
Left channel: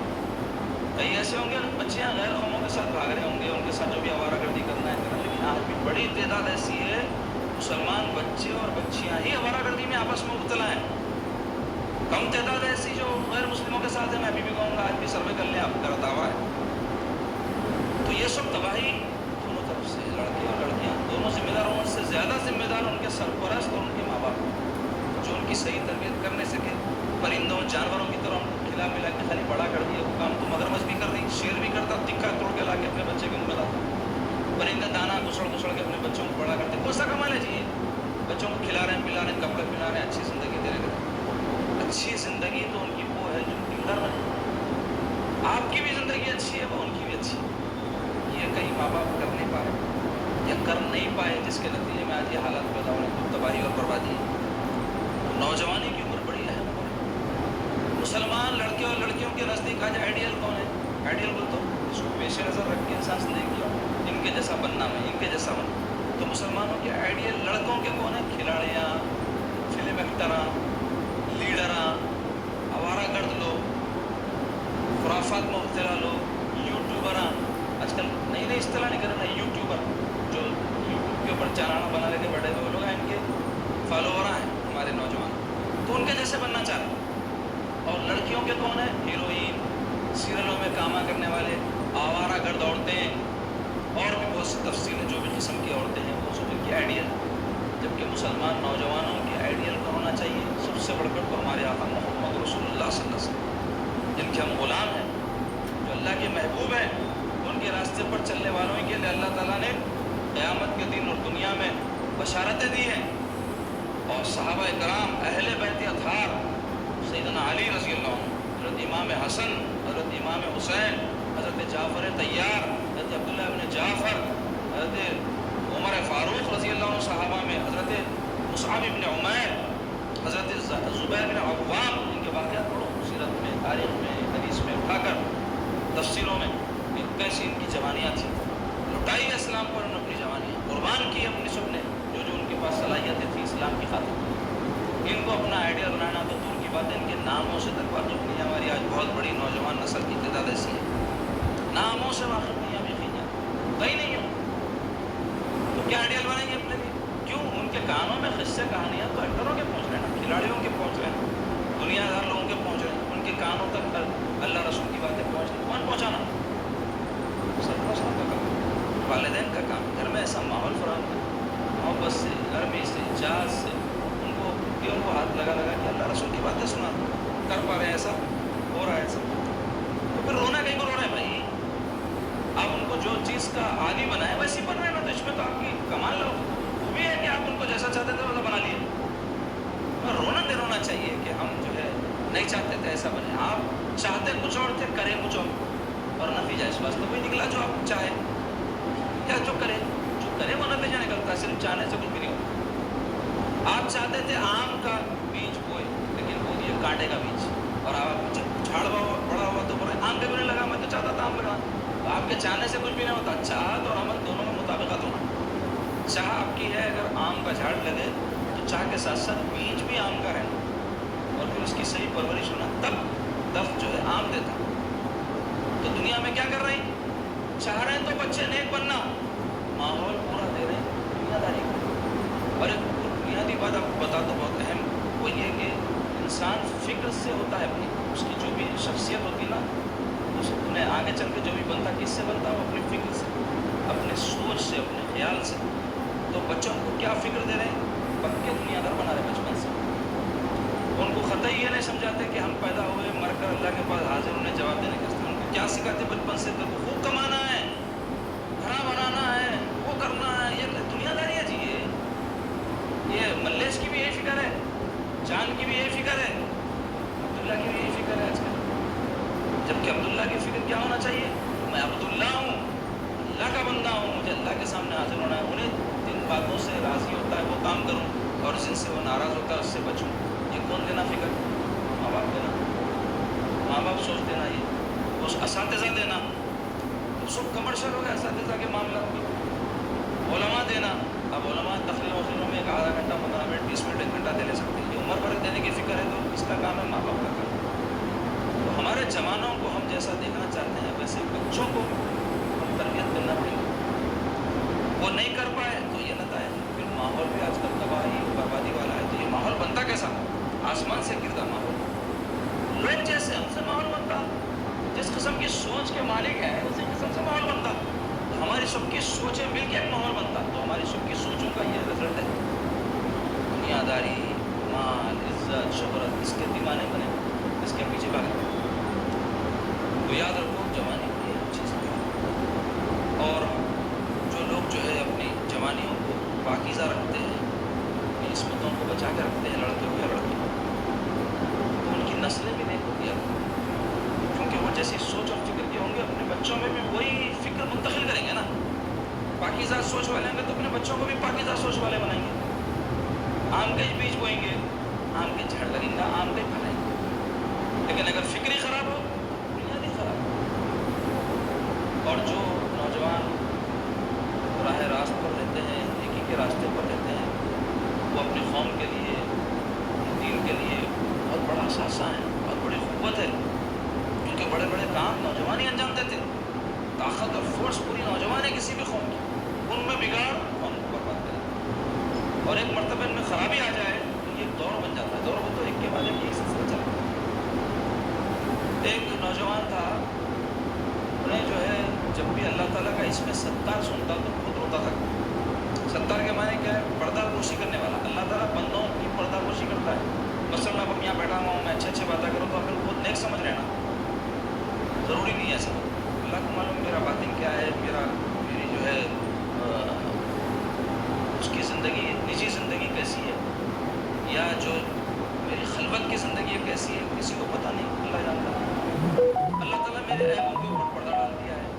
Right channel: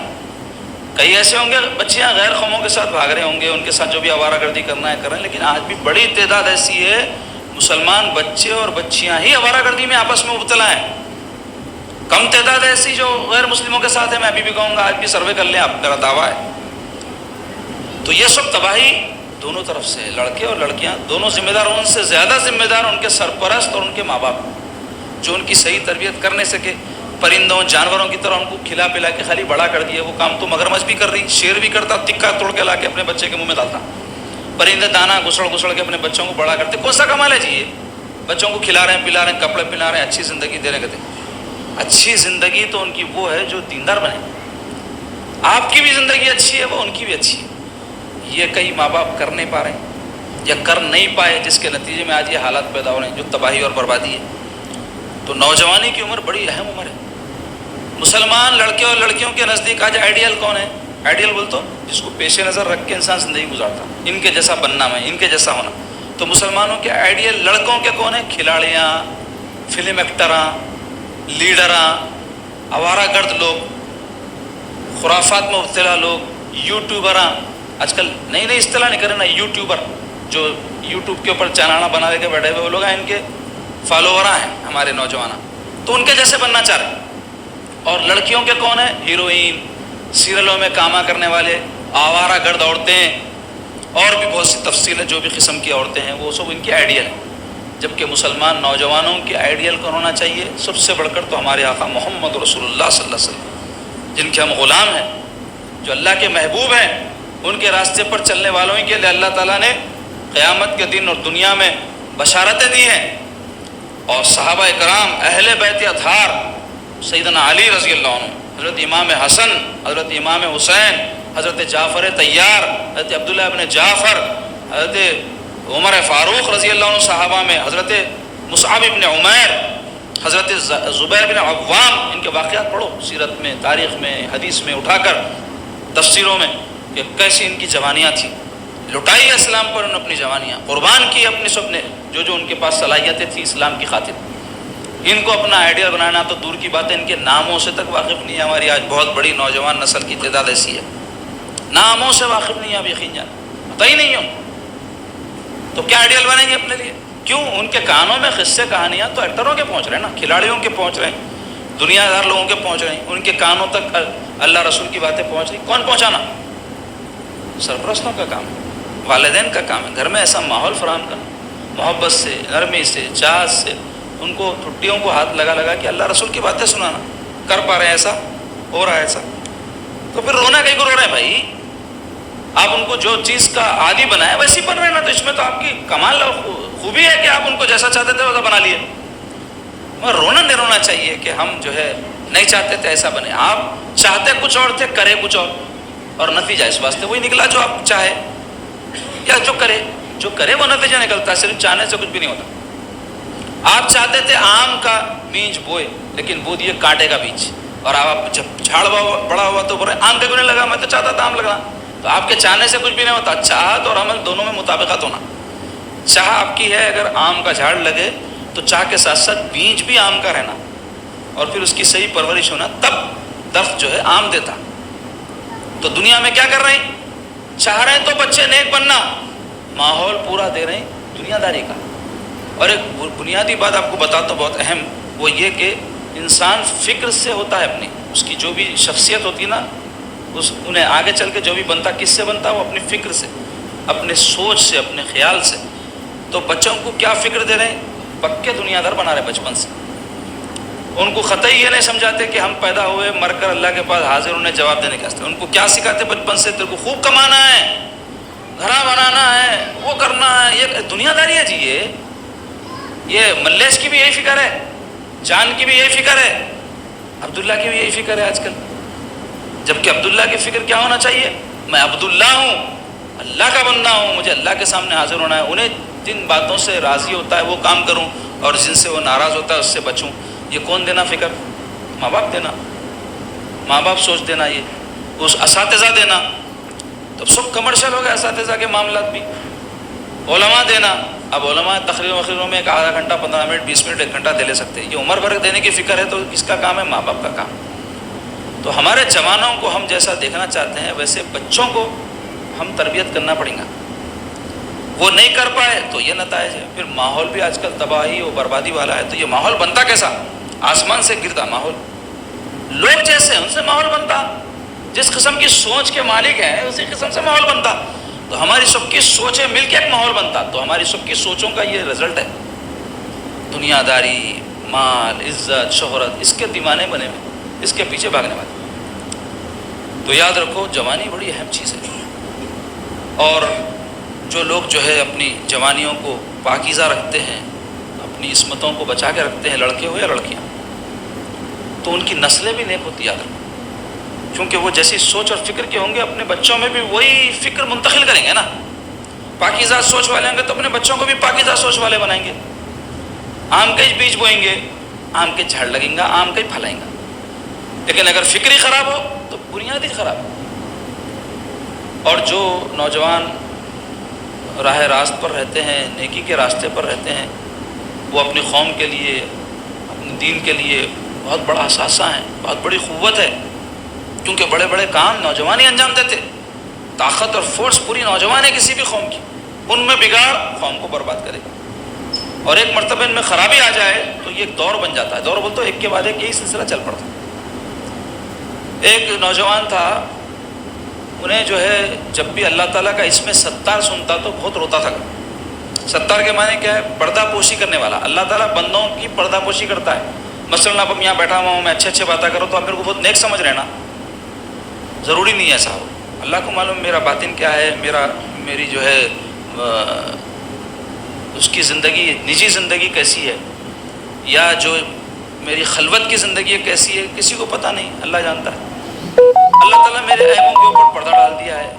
کئی ایسے ہوں گے بچیاں غیر قوموں کے ساتھ بھاگ رہے ہوں گے، ان کے ساتھ جو بھی آوارہ گردی کرنا ہے کر رہے ہیں، لیکن آج بھی بڑی تعداد ایسی ہے مسلمان بچے اور بچیاں ہی آوارہ گردی میں آپس میں مبتلا ہیں۔ کم تعداد ایسی جو غیر مسلموں کے ساتھ ہے، میں ابھی بھی کہوں گا آج بھی سروے کر لیں، آپ میرا دعویٰ ہے۔ تو یہ سب تباہی دونوں طرف سے، لڑکے اور لڑکیاں دونوں ذمہ دار، ان سے زیادہ ذمہ دار ان کے سرپرست اور ان کے ماں باپ، جو ان کی صحیح تربیت کر نہیں سکے، پرندوں جانوروں کی طرح ان کو کھلا پلا کے خالی بڑا کر دیا۔ وہ کام تو مگرمچھ بھی کر رہی، شیر بھی کرتا، تکا توڑ کے لا کے اپنے بچے کے منہ میں ڈالتا، پرندے دانا گسڑ گسڑ کے اپنے بچوں کو بڑا کرتے۔ کون سا کمال ہے جی؟ یہ بچوں کو کھلا رہے ہیں، پلا رہے ہیں، کپڑے پلا رہے ہیں، اچھی زندگی دے رہے کہتے ہیں۔ اچھی زندگی تو ان کی وہ ہے جو دیندار بنے، آپ کی بھی زندگی اچھی ہے، وہ ان کی بھی اچھی ہے۔ یہ کئی ماں باپ کر نہیں پا رہے ہیں یا کر نہیں پائے، جس کے نتیجے میں آج یہ حالات پیدا ہو رہے ہیں جو تباہی اور بربادی ہے۔ تو نوجوانی کی عمر بڑی اہم عمر ہے۔ مسلمان لڑکے اور لڑکیوں کے نزدیک آج آئیڈیل کون ہے؟ آئیڈیل بول تو جس کو پیش نظر رکھ کے انسان زندگی گزارتا، ان کے جیسا بننا، میں ان کے جیسا ہونا۔ تو مسلمانوں کے آئیڈیل لڑکوں کے کون ہیں؟ کھلاڑیاں، فلم ایکٹراں، لیڈراں، آوارہ گرد لوگ، خرافات میں مبتلا لوگ، یوٹیوبراں۔ آج کل نئی نئی اصطلاح نہیں کرے نا، یوٹیوبر، جو یوٹیوب کے اوپر چینل بنا کے بیٹھے ہوئے وہ لوگ ہیں، ان کے فالووراں ہیں ہمارے نوجوان، تو ان کے جیسے بننا چاہ رہے ہیں۔ اور لڑکیوں کے کون ہیں؟ ہیروئن، سیریلوں میں کاما کرنے والے، آوارہ گرد عورتیں، اور بھی بہت سی تفصیل ہے جو بھی قسم کی عورتیں ہیں، وہ سب ان کی آئیڈیل ہیں۔ جبکہ مسلمان نوجوانوں کے آئیڈیل کون ہونا چاہیے؟ سب سے بڑھ کر تو ہمارے آقا محمد رسول اللہ صلی اللہ علیہ وسلم، جن کے ہم غلام ہیں، جو اللہ کے محبوب ہیں۔ ان کے راستے پر چلنے والوں ہی کے لیے اللہ تعالیٰ نے قیامت کے دن اور دنیا میں بشارتیں دی ہیں۔ اور صحابہ کرام، اہل بیت اطہار، سیدنا علی رضی اللہ عنہ، حضرت امام حسن، حضرت امام حسین، حضرت جعفر طیار، حضرت عبداللہ ابن جعفر، حضرت عمر فاروق رضی اللہ عنہ صحابہ میں، حضرت مصعب ابن عمیر، حضرت زبیر بن عوام، ان کے واقعات پڑھو سیرت میں، تاریخ میں، حدیث میں اٹھا کر، تفسیروں میں، کہ کیسی ان کی جوانیاں تھیں۔ لٹائی اسلام پر انہوں نے اپنی جوانیاں، قربان کی اپنی سب نے، جو جو ان کے پاس صلاحیتیں تھیں اسلام کی خاطر۔ ان کو اپنا آئیڈیل بنانا تو دور کی بات ہے، ان کے ناموں سے تک واقف نہیں ہے۔ ہماری آج بہت بڑی نوجوان نسل کی تعداد ایسی ہے، ناموں سے واقف نہیں ہے، اب یقین جان پتہ ہی نہیں ہو، تو کیا آئیڈیل بنائیں گے اپنے لیے؟ کیوں؟ ان کے کانوں میں قصے کہانیاں تو ایکٹروں کے پہنچ رہے ہیں نا، کھلاڑیوں کے پہنچ رہے ہیں، دنیا دار لوگوں کے پہنچ رہے ہیں، ان کے کانوں تک اللہ رسول کی باتیں پہنچ رہی۔ کون پہنچانا؟ سرپرستوں کا کام ہے، والدین کا کام ہے، گھر میں ایسا ماحول فراہم کرنا، محبت سے، نرمی سے، چاہت سے، ان کو ٹھٹیوں کو ہاتھ لگا لگا کہ اللہ رسول کی باتیں سنانا۔ کر پا رہے ہیں ایسا؟ ہو رہا ہے ایسا؟ تو پھر رونا کہیں کو رو رہے ہیں بھائی؟ آپ ان کو جو چیز کا عادی بنائے ویسی بن رہے ہیں نا، تو اس میں تو آپ کی کمال خوبی ہے کہ آپ ان کو جیسا چاہتے تھے ویسا بنا لیے۔ مگر رونا نہیں رونا چاہیے کہ ہم جو ہے نہیں چاہتے تھے ایسا بنے، آپ چاہتے کچھ اور تھے، کرے کچھ اور نتیجہ اس واسطے وہی نکلا جو آپ چاہے، یا جو کرے وہ نتیجہ نکلتا ہے، صرف چاہنے سے کچھ بھی نہیں ہوتا۔ آپ چاہتے تھے آم کا بیج بوئے، لیکن بو دیے کانٹے کا بیج، اور آپ جب جھاڑ بڑا ہوا تو بولے آم کے کیوں نہیں لگا، میں تو چاہتا تھا آم لگا۔ تو آپ کے چاہنے سے کچھ بھی نہیں ہوتا، چاہت اور عمل دونوں میں مطابقت ہونا۔ چاہ آپ کی ہے اگر آم کا جھاڑ لگے تو چاہ کے ساتھ ساتھ بیج بھی آم کا رہنا، اور پھر اس کی صحیح پرورش ہونا، تب درخت جو ہے آم دیتا۔ تو دنیا میں کیا کر رہے ہیں؟ چاہ رہے ہیں تو بچے نیک بننا، ماحول پورا دے رہے ہیں دنیا داری کا۔ اور ایک بنیادی بات آپ کو بتاتا ہوں بہت اہم، وہ یہ کہ انسان فکر سے ہوتا ہے، اپنی اس کی جو بھی شخصیت ہوتی ہے نا، انہیں آگے چل کے جو بھی بنتا کس سے بنتا ہے؟ وہ اپنی فکر سے۔ اپنے سوچ سے، اپنے خیال سے، تو بچوں کو کیا فکر دے رہے ہیں؟ پکے دنیا دار بنا رہے بچپن سے. ان کو قطعی یہ نہیں سمجھاتے کہ ہم پیدا ہوئے مر کر اللہ کے پاس حاضر انہیں جواب دینے کے واسطے. ان کو کیا سکھاتے بچپن سے؟ تیرے کو خوب کمانا ہے، گھرا بنانا ہے، وہ کرنا ہے. یہ دنیا داری ہے جی. یہ ملیش کی بھی یہی فکر ہے، جان کی بھی یہی فکر ہے، عبداللہ کی بھی یہی فکر ہے آج کل. جبکہ عبداللہ کی فکر کیا ہونا چاہیے؟ میں عبداللہ ہوں، اللہ کا بندہ ہوں، مجھے اللہ کے سامنے حاضر ہونا ہے. انہیں جن باتوں سے راضی ہوتا ہے وہ کام کروں، اور جن سے وہ ناراض ہوتا ہے اس سے بچوں. یہ کون دینا فکر؟ ماں باپ دینا. ماں باپ سوچ دینا، یہ اس اساتذہ دینا. تو سب کمرشل ہو گئے اساتذہ کے معاملات بھی. علماء دینا. اب علماء تقریروں میں ایک آدھا گھنٹہ، 15 منٹ، 20 منٹ، 1 گھنٹہ دے لے سکتے ہیں. یہ عمر بھر دینے کی فکر ہے تو کس کا کام ہے؟ ماں باپ کا کام. تو ہمارے جوانوں کو ہم جیسا دیکھنا چاہتے ہیں ویسے بچوں کو ہم تربیت کرنا پڑیں گا. وہ نہیں کر پائے تو یہ نتائج ہے. پھر ماحول بھی آج کل تباہی و بربادی والا ہے. تو یہ ماحول بنتا کیسا؟ آسمان سے گرتا ماحول. لوگ جیسے ان سے ماحول بنتا، جس قسم کی سوچ کے مالک ہیں اسی قسم سے ماحول بنتا. تو ہماری سب کی سوچیں مل کے ایک ماحول بنتا. تو ہماری سب کی سوچوں کا یہ رزلٹ ہے. دنیا داری، مال، عزت، شہرت، اس کے دیوانے بنے ہوئے، اس کے پیچھے بھاگنے والے. تو یاد رکھو جوانی بڑی اہم چیز ہے. اور جو لوگ جو ہے اپنی جوانیوں کو پاکیزہ رکھتے ہیں، اپنی عصمتوں کو بچا کے رکھتے ہیں، لڑکے ہو یا لڑکیاں، تو ان کی نسلیں بھی نیک ہوتی. یاد رکھو، کیونکہ وہ جیسی سوچ اور فکر کے ہوں گے اپنے بچوں میں بھی وہی فکر منتقل کریں گے نا. پاکیزہ سوچ والے ہوں گے تو اپنے بچوں کو بھی پاکیزہ سوچ والے بنائیں گے. آم کے بیج بوئیں گے، آم کے جھاڑ لگیں گا، آم کے پھلائیں گا. لیکن اگر فکر ہی خراب ہو تو بنیاد ہی خراب ہو. اور جو نوجوان راہ راست پر رہتے ہیں، نیکی کے راستے پر رہتے ہیں، وہ اپنی قوم کے لیے، اپنے دین کے لیے بہت بڑا اثاثہ ہیں، بہت بڑی قوت ہے. کیونکہ بڑے بڑے کام نوجوان ہی انجام دیتے. طاقت اور فورس پوری نوجوان ہے کسی بھی قوم کی. ان میں بگاڑ قوم کو برباد کرے. اور ایک مرتبہ ان میں خرابی آ جائے تو یہ ایک دور بن جاتا ہے. دور بولتے ایک کے بعد ایک یہی سلسلہ چل پڑتا. ایک نوجوان تھا، انہیں جو ہے جب بھی اللہ تعالیٰ کا اسم ستار سنتا تو بہت روتا تھا. ستار کے معنی کیا ہے؟ پردہ پوشی کرنے والا. اللہ تعالیٰ بندوں کی پردہ پوشی کرتا ہے. مثلاً آپ یہاں بیٹھا ہوا ہوں، میں اچھے باتیں کروں تو آپ میرے کو بہت نیک سمجھ رہے نا. ضروری نہیں ہے ایسا ہو. اللہ کو معلوم میرا باطن کیا ہے، میری جو ہے اس کی زندگی، نجی زندگی کیسی ہے، یا جو میری خلوت کی زندگی ہے کیسی ہے، کسی کو پتہ نہیں. اللہ جانتا ہے. اللہ تعالیٰ میرے عیبوں کے اوپر پردہ ڈال دیا ہے،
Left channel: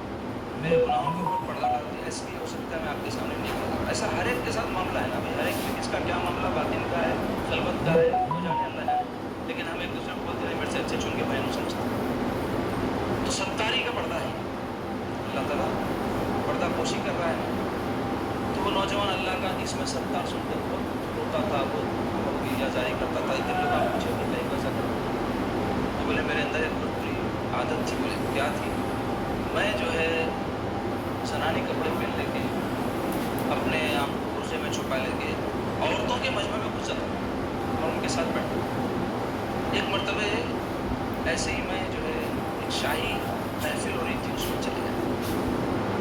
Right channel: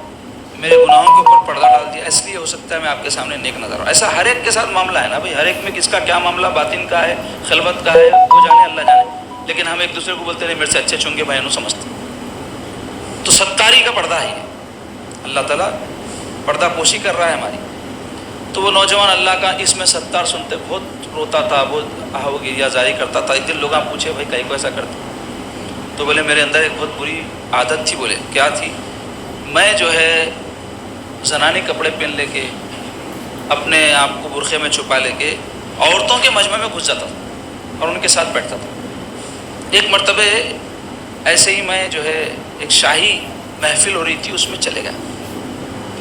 میرے گناہوں کے اوپر پردہ ڈال دیا. اس لیے ہو سکتا ہے میں آپ کے سامنے نیک نظر ہوں. ایسا ہر ایک کے ساتھ معاملہ ہے نا بھائی. ہر ایک میں کس کا کیا معاملہ باطن کا ہے، خلوت کا ہے، وہ جانے، اللہ جانے. لیکن ہم ایک دوسرے کو بولتے نہیں میرے سے اچھے چونکہ میں انہوں سمجھتا. تو ستاری کا پردہ ہے. اللہ تعالیٰ پردہ پوشی کر رہا ہے ہماری. تو وہ نوجوان اللہ کا اس میں ستار سنتے بہت روتا تھا، بہت آہو گیریا جاری کرتا تھا. ایک دن لوگ پوچھے بھائی کہیں کو ایسا کرتے؟ تو بولے میرے اندر ایک بہت بری عادت تھی. بولے کیا تھی؟ میں جو ہے زنانی کپڑے پہن لے کے، اپنے آپ کو برقعے میں چھپا لے کے عورتوں کے مجمع میں گھس جاتا تھا اور ان کے ساتھ بیٹھتا تھا. ایک مرتبہ ایسے ہی میں جو ہے ایک شاہی محفل ہو رہی تھی، اس میں چلے گیا.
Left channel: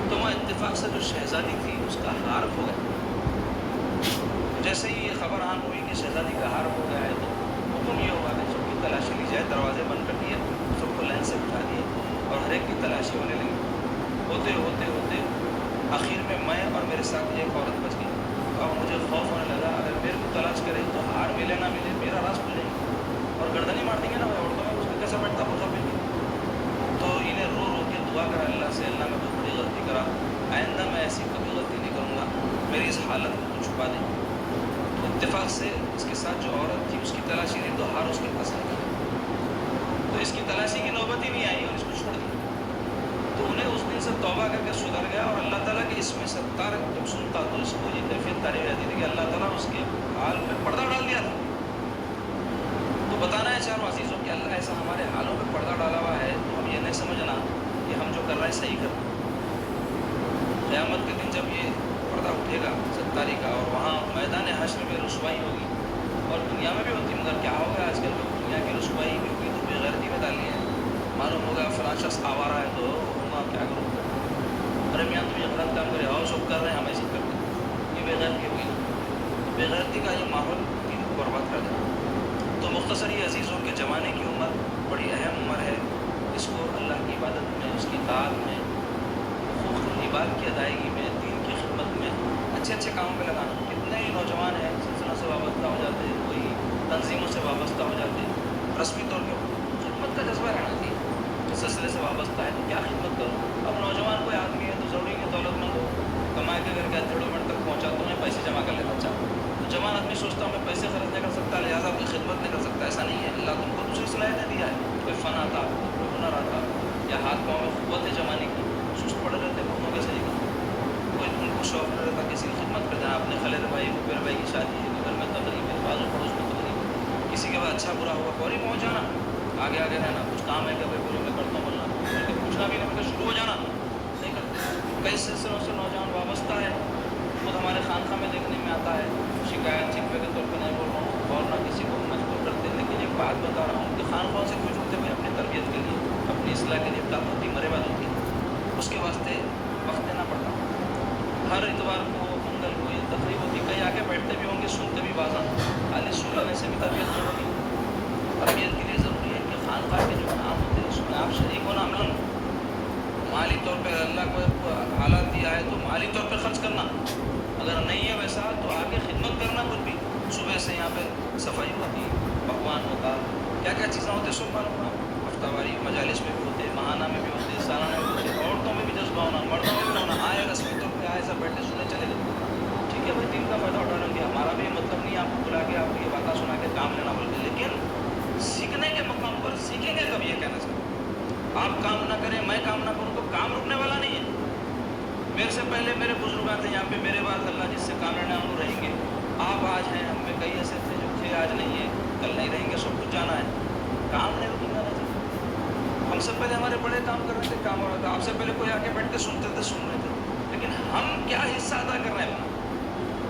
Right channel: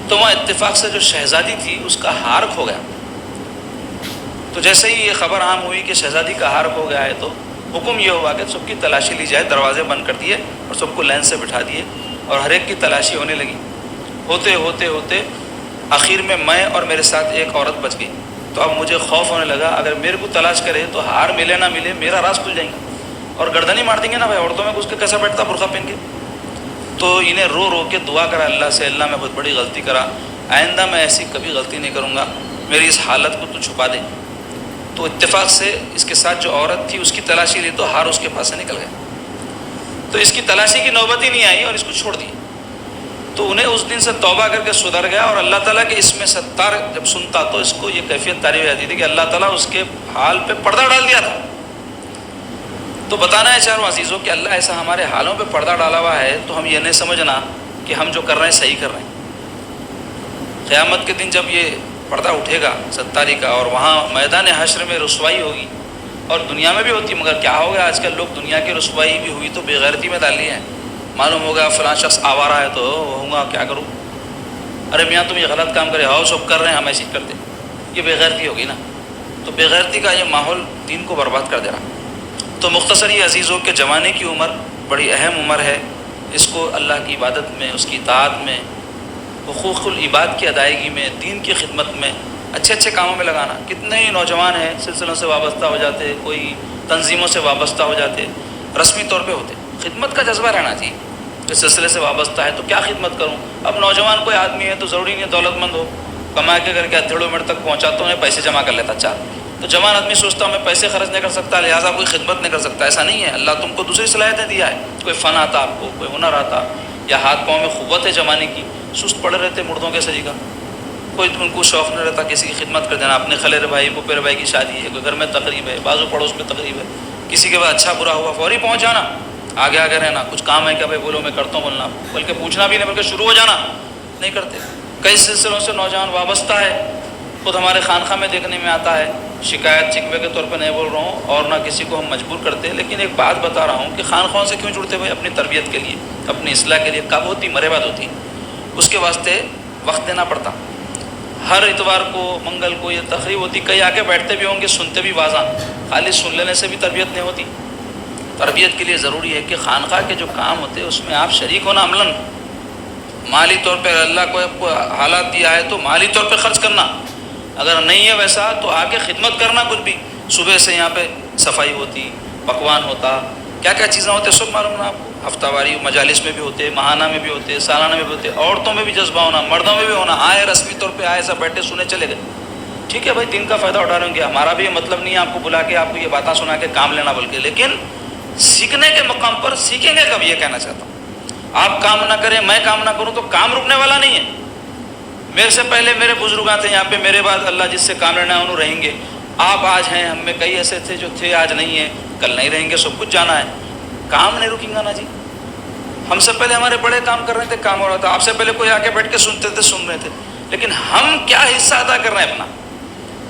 تو وہاں اتفاق سے جو شہزادی تھی اس کا ہار کھو گیا. تو جیسے ہی یہ خبر عام ہوئی کہ شہزادی کا ہار کھو گیا ہے تو حکم یہ ہوا کہ سب کی تلاشی لی جائے. دروازے بند کر دیے اور سب کو لائن سے بٹھا دیے اور ہر ایک کی تلاشی ہونے لگی. ہوتے ہوتے ہوتے آخر میں اور میرے ساتھ ایک عورت بچ گئی. تو اب مجھے خوف ہونے لگا اگر میرے کو تلاش کرے تو ہار ملے نہ ملے میرا راز کھل جائیں گے اور گردنی مار دیں گے نا بھائی. عورتوں میں گھس کے کیسا بیٹھتا برقع پہن کے. تو انہیں رو رو کے دعا کرا اللہ سے، اللہ میں بہت بڑی غلطی کرا، آئندہ میں ایسی کبھی غلطی نہیں کروں گا، میری اس حالت کو تو چھپا دے. تو اتفاق سے اس کے ساتھ جو عورت تھی اس کی تلاشی لی تو ہار اس کے پاس سے نکل گیا. تو اس کی تلاشی کی نوبت ہی نہیں آئی اور اس کو چھوڑ دی. تو انہیں اس دن سے توبہ کر کے سدھر گیا. اور اللہ تعالیٰ کے اس میں ستار جب سنتا تو اس کو یہ کیفیت تعریف آتی تھی کہ اللہ تعالیٰ اس کے حال پہ پردہ ڈال دیا تھا. تو بتانا ہے چاروں عزیزوں کہ اللہ ایسا ہمارے حالوں پہ پردہ ڈالا ہوا ہے تو ہم یہ نہیں سمجھنا کہ ہم جو کر رہے ہیں صحیح کر رہے ہیں. قیامت کے دن جب یہ پردہ اٹھے گا ستاری کا اور وہاں میدان حشر میں رسوائی ہوگی، اور دنیا میں بھی ہوتی ہے مگر کیا ہوگا آج کل لوگ دنیا کی رسوائی بھی ہوئی تو بے غیرتی میں ڈال لی ہے. معلوم ہوگا فلاں شخص آوارہ ہے تو ہوگا کیا کروں. ارے میاں تم یہ غلط کام کرے، ہاؤس آف کر رہے ہیں ہم ایسے ہی کرتے، یہ بے غیرتی ہوگی نا. تو بے غیرتی کا یہ ماحول دین کو برباد کر دے رہا. تو مختصر یہ عزیزوں کے جوانے کی عمر بڑی اہم عمر ہے، اس کو اللہ کی عبادت میں، اس کی اطاعت میں، حقوق العباد کی ادائیگی میں، دین کی خدمت میں، اچھے اچھے کاموں میں لگانا. کتنے ہی نوجوان ہیں سلسلوں سے وابستہ ہو جاتے، کوئی تنظیموں سے وابستہ ہو جاتے، رسمی طور پہ ہوتے. خدمت کا جذبہ رہنا چاہیے. اس سلسلے سے وابستہ ہے تو کیا خدمت کروں. اب نوجوان کوئی آدمی ہے تو ضروری نہیں دولت مند ہو، کما کے کر کے ہتھیڑوں منٹ تک پہنچاتا ہوں، پیسے جمع کر لیتا چار. تو جوان آدمی سوچتا ہوں میں پیسے خرچ نہیں کر سکتا لہٰذا کوئی خدمت نہیں کر سکتا. ایسا نہیں ہے. اللہ تم کو دوسری صلاحیتیں دیا ہے. کوئی فن آتا آپ کو، کوئی ہنر آتا، یا ہاتھ پاؤں میں قوت ہے جمانے کی، سست پڑے رہتے مردوں کے سجی کا. کوئی ان کو شوق نہیں رہتا کسی کی خدمت کر دینا. اپنے خلیرے بھائی پپیرے بھائی کی شادی ہے، کوئی گھر میں تقریب ہے، بازو پڑوس میں تقریب ہے، کسی کے بعد اچھا برا ہوا فوری پہنچ جانا، آگے آگے رہنا. کچھ کام ہے کہ بھائی بولو میں کرتا ہوں بولنا، بلکہ پوچھنا بھی نہیں بلکہ شروع ہو جانا نہیں کرتے. کئی سلسلوں سے نوجوان وابستہ ہے. خود ہمارے خانقاہ میں دیکھنے میں آتا ہے. شکایت شکوے کے طور پہ نہیں بول رہا ہوں اور نہ کسی کو ہم مجبور کرتے، لیکن ایک بات بتا رہا ہوں کہ خانقاہوں سے کیوں جڑتے ہوئے؟ اپنی تربیت کے لیے، اپنی اصلاح کے لیے. کب ہوتی؟ مرے بعد ہوتی. اس کے واسطے وقت دینا پڑتا. ہر اتوار کو، منگل کو یہ تقریب ہوتی. کئی آگے بیٹھتے بھی ہوں گے، سنتے بھی واضح. خالی سن لینے سے بھی تربیت نہیں ہوتی. تربیت کے لیے ضروری ہے کہ خانقاہ کے جو کام ہوتے ہیں اس میں آپ شریک ہونا. عملاً مالی طور پہ اللہ کو حالات دیا ہے تو مالی طور پہ خرچ کرنا، اگر نہیں ہے ویسا تو آ کے خدمت کرنا. کچھ بھی صبح سے یہاں پہ صفائی ہوتی، پکوان ہوتا، کیا کیا چیزیں ہوتے سب معلوم نا. ہفتہ واری مجالس میں بھی ہوتے، ماہانہ میں بھی ہوتے، سالانہ میں بھی ہوتے. عورتوں میں بھی جذبہ ہونا، مردوں میں بھی ہونا. آئے رسمی طور پہ آئے، سب بیٹھے سنے چلے گئے. ٹھیک ہے بھائی، دین کا فائدہ اٹھا رہے ہوں گے. ہمارا بھی یہ مطلب نہیں ہے آپ کو بلا کے آپ کو یہ باتیں سنا کے کام لینا، بلکہ لیکن سیکھنے کے مقام پر سیکھیں گے کب، یہ کہنا چاہتا ہوں. آپ کام نہ کریں، میں کام نہ کروں تو کام رکنے والا نہیں ہے. میرے سے پہلے میرے بزرگاں تھے یہاں پہ، میرے بعد اللہ جس سے کام لینا ہے انہوں رہیں گے. آپ آج ہیں، ہم میں کئی ایسے تھے جو تھے آج نہیں ہیں، کل نہیں رہیں گے. سب کچھ جانا ہے، کام نہیں رکیں گا نا جی. ہم سے پہلے ہمارے بڑے کام کر رہے تھے، کام ہو رہا تھا. آپ سے پہلے کوئی آ کے بیٹھ کے سنتے تھے، سن رہے تھے. لیکن ہم کیا حصہ ادا کر رہے ہیں اپنا؟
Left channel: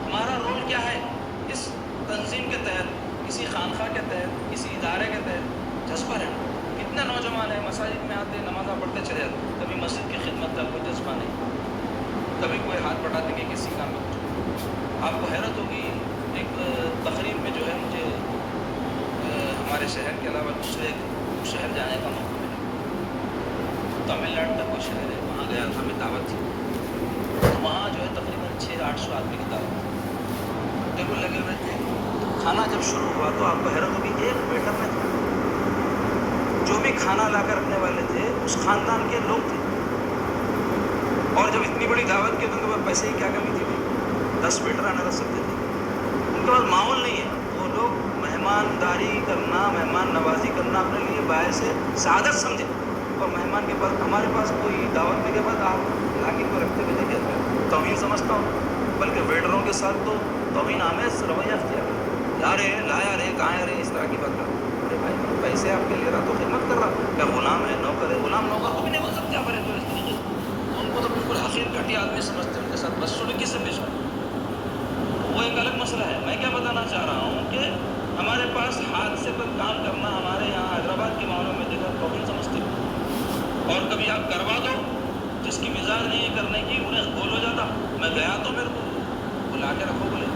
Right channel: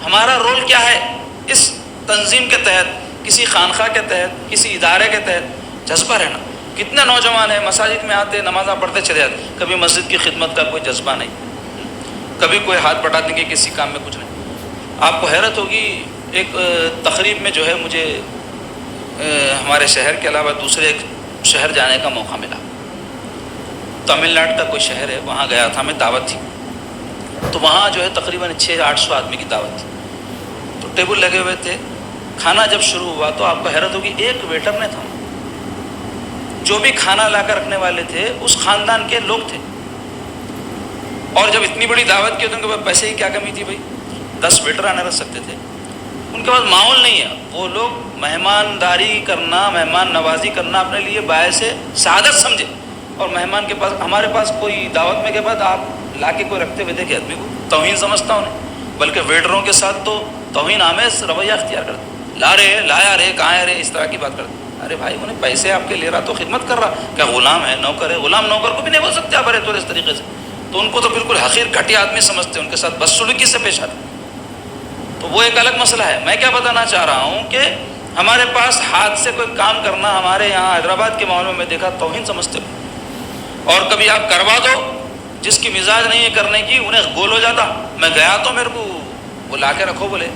ہمارا رول کیا ہے اس تنظیم کے تحت، کسی خانقاہ کے تحت، کسی ادارے کے تحت؟ جذبہ رہنا. کتنے نوجوان ہیں مساجد میں آتے، نمازاں پڑھتے چلے جاتے، کبھی مسجد کی خدمت کا کوئی جذبہ نہیں، کبھی کوئی ہاتھ بٹانے کے کسی کام میں کچھ نہیں. آپ کو حیرت ہوگی، ایک تقریب میں جو ہے مجھے ہمارے شہر کے علاوہ دوسرے ایک شہر جانے کا موقع ملا. تمل ناڈو کا کوئی شہر ہے، وہاں گیا تھا میں، دعوت تھی. تو وہاں جو ہے تقریباً 600-800 آدمی کی دعوت تھی. تو ٹیبل لگے ہوئے تھے. کھانا جب شروع ہوا تو آپ کو حیرت ہوگی، ایک ویٹر نے تھا. جو بھی کھانا لا کر رکھنے والے تھے اس خاندان کے لوگ تھے. اور جب اتنی بڑی دعوت کی تو ان کے پاس پیسے کی کیا کمی تھی بھائی؟ 10 ویٹر آنے رکھ سکتے تھے. ان کے پاس ماحول نہیں ہے. وہ لوگ مہمانداری کرنا، مہمان نوازی کرنا اپنے لیے باعث سعادت سمجھے. اور مہمان کے پاس، ہمارے پاس کوئی دعوت میں کے بعد آپ لا کے کوئی رکھتے ہوئے دیکھے آدمی کو، توہین سمجھتا ہوں. بلکہ ویٹروں کے ساتھ تو توہین آمیز رویہ اختیار کرتے. لا رہے، لایا رہے، کہاں ہے رہے، اس طرح کی بات کرتے. ارے بھائی انہیں پیسے آپ کے لے رہا تو خدمت کر رہا. کیا غلام ہے، نوکر ہے؟ غلام نوکر کو بھی نہیں بول سکتے آپ ارے تو اس طریقے سے. تو ان کو تو بالکل حقیر گھٹیا آدمی سمجھتے، ان کے ساتھ بدسلوکی سے پیش آتے. تو وہ ایک الگ مسئلہ ہے. میں کیا بتانا چاہ رہا ہوں کہ ہمارے پاس ہاتھ سے کوئی کام کرنا، ہمارے یہاں حیدرآباد کے ماحول میں دیکھا توہین سمجھتے ہو. اور کبھی آپ کروا دو، جس کی مزاج نہیں ہے کرنے کی انہیں گول ہو جاتا. میں گیا تو میرے کو وہ لا کے رکھو بولے،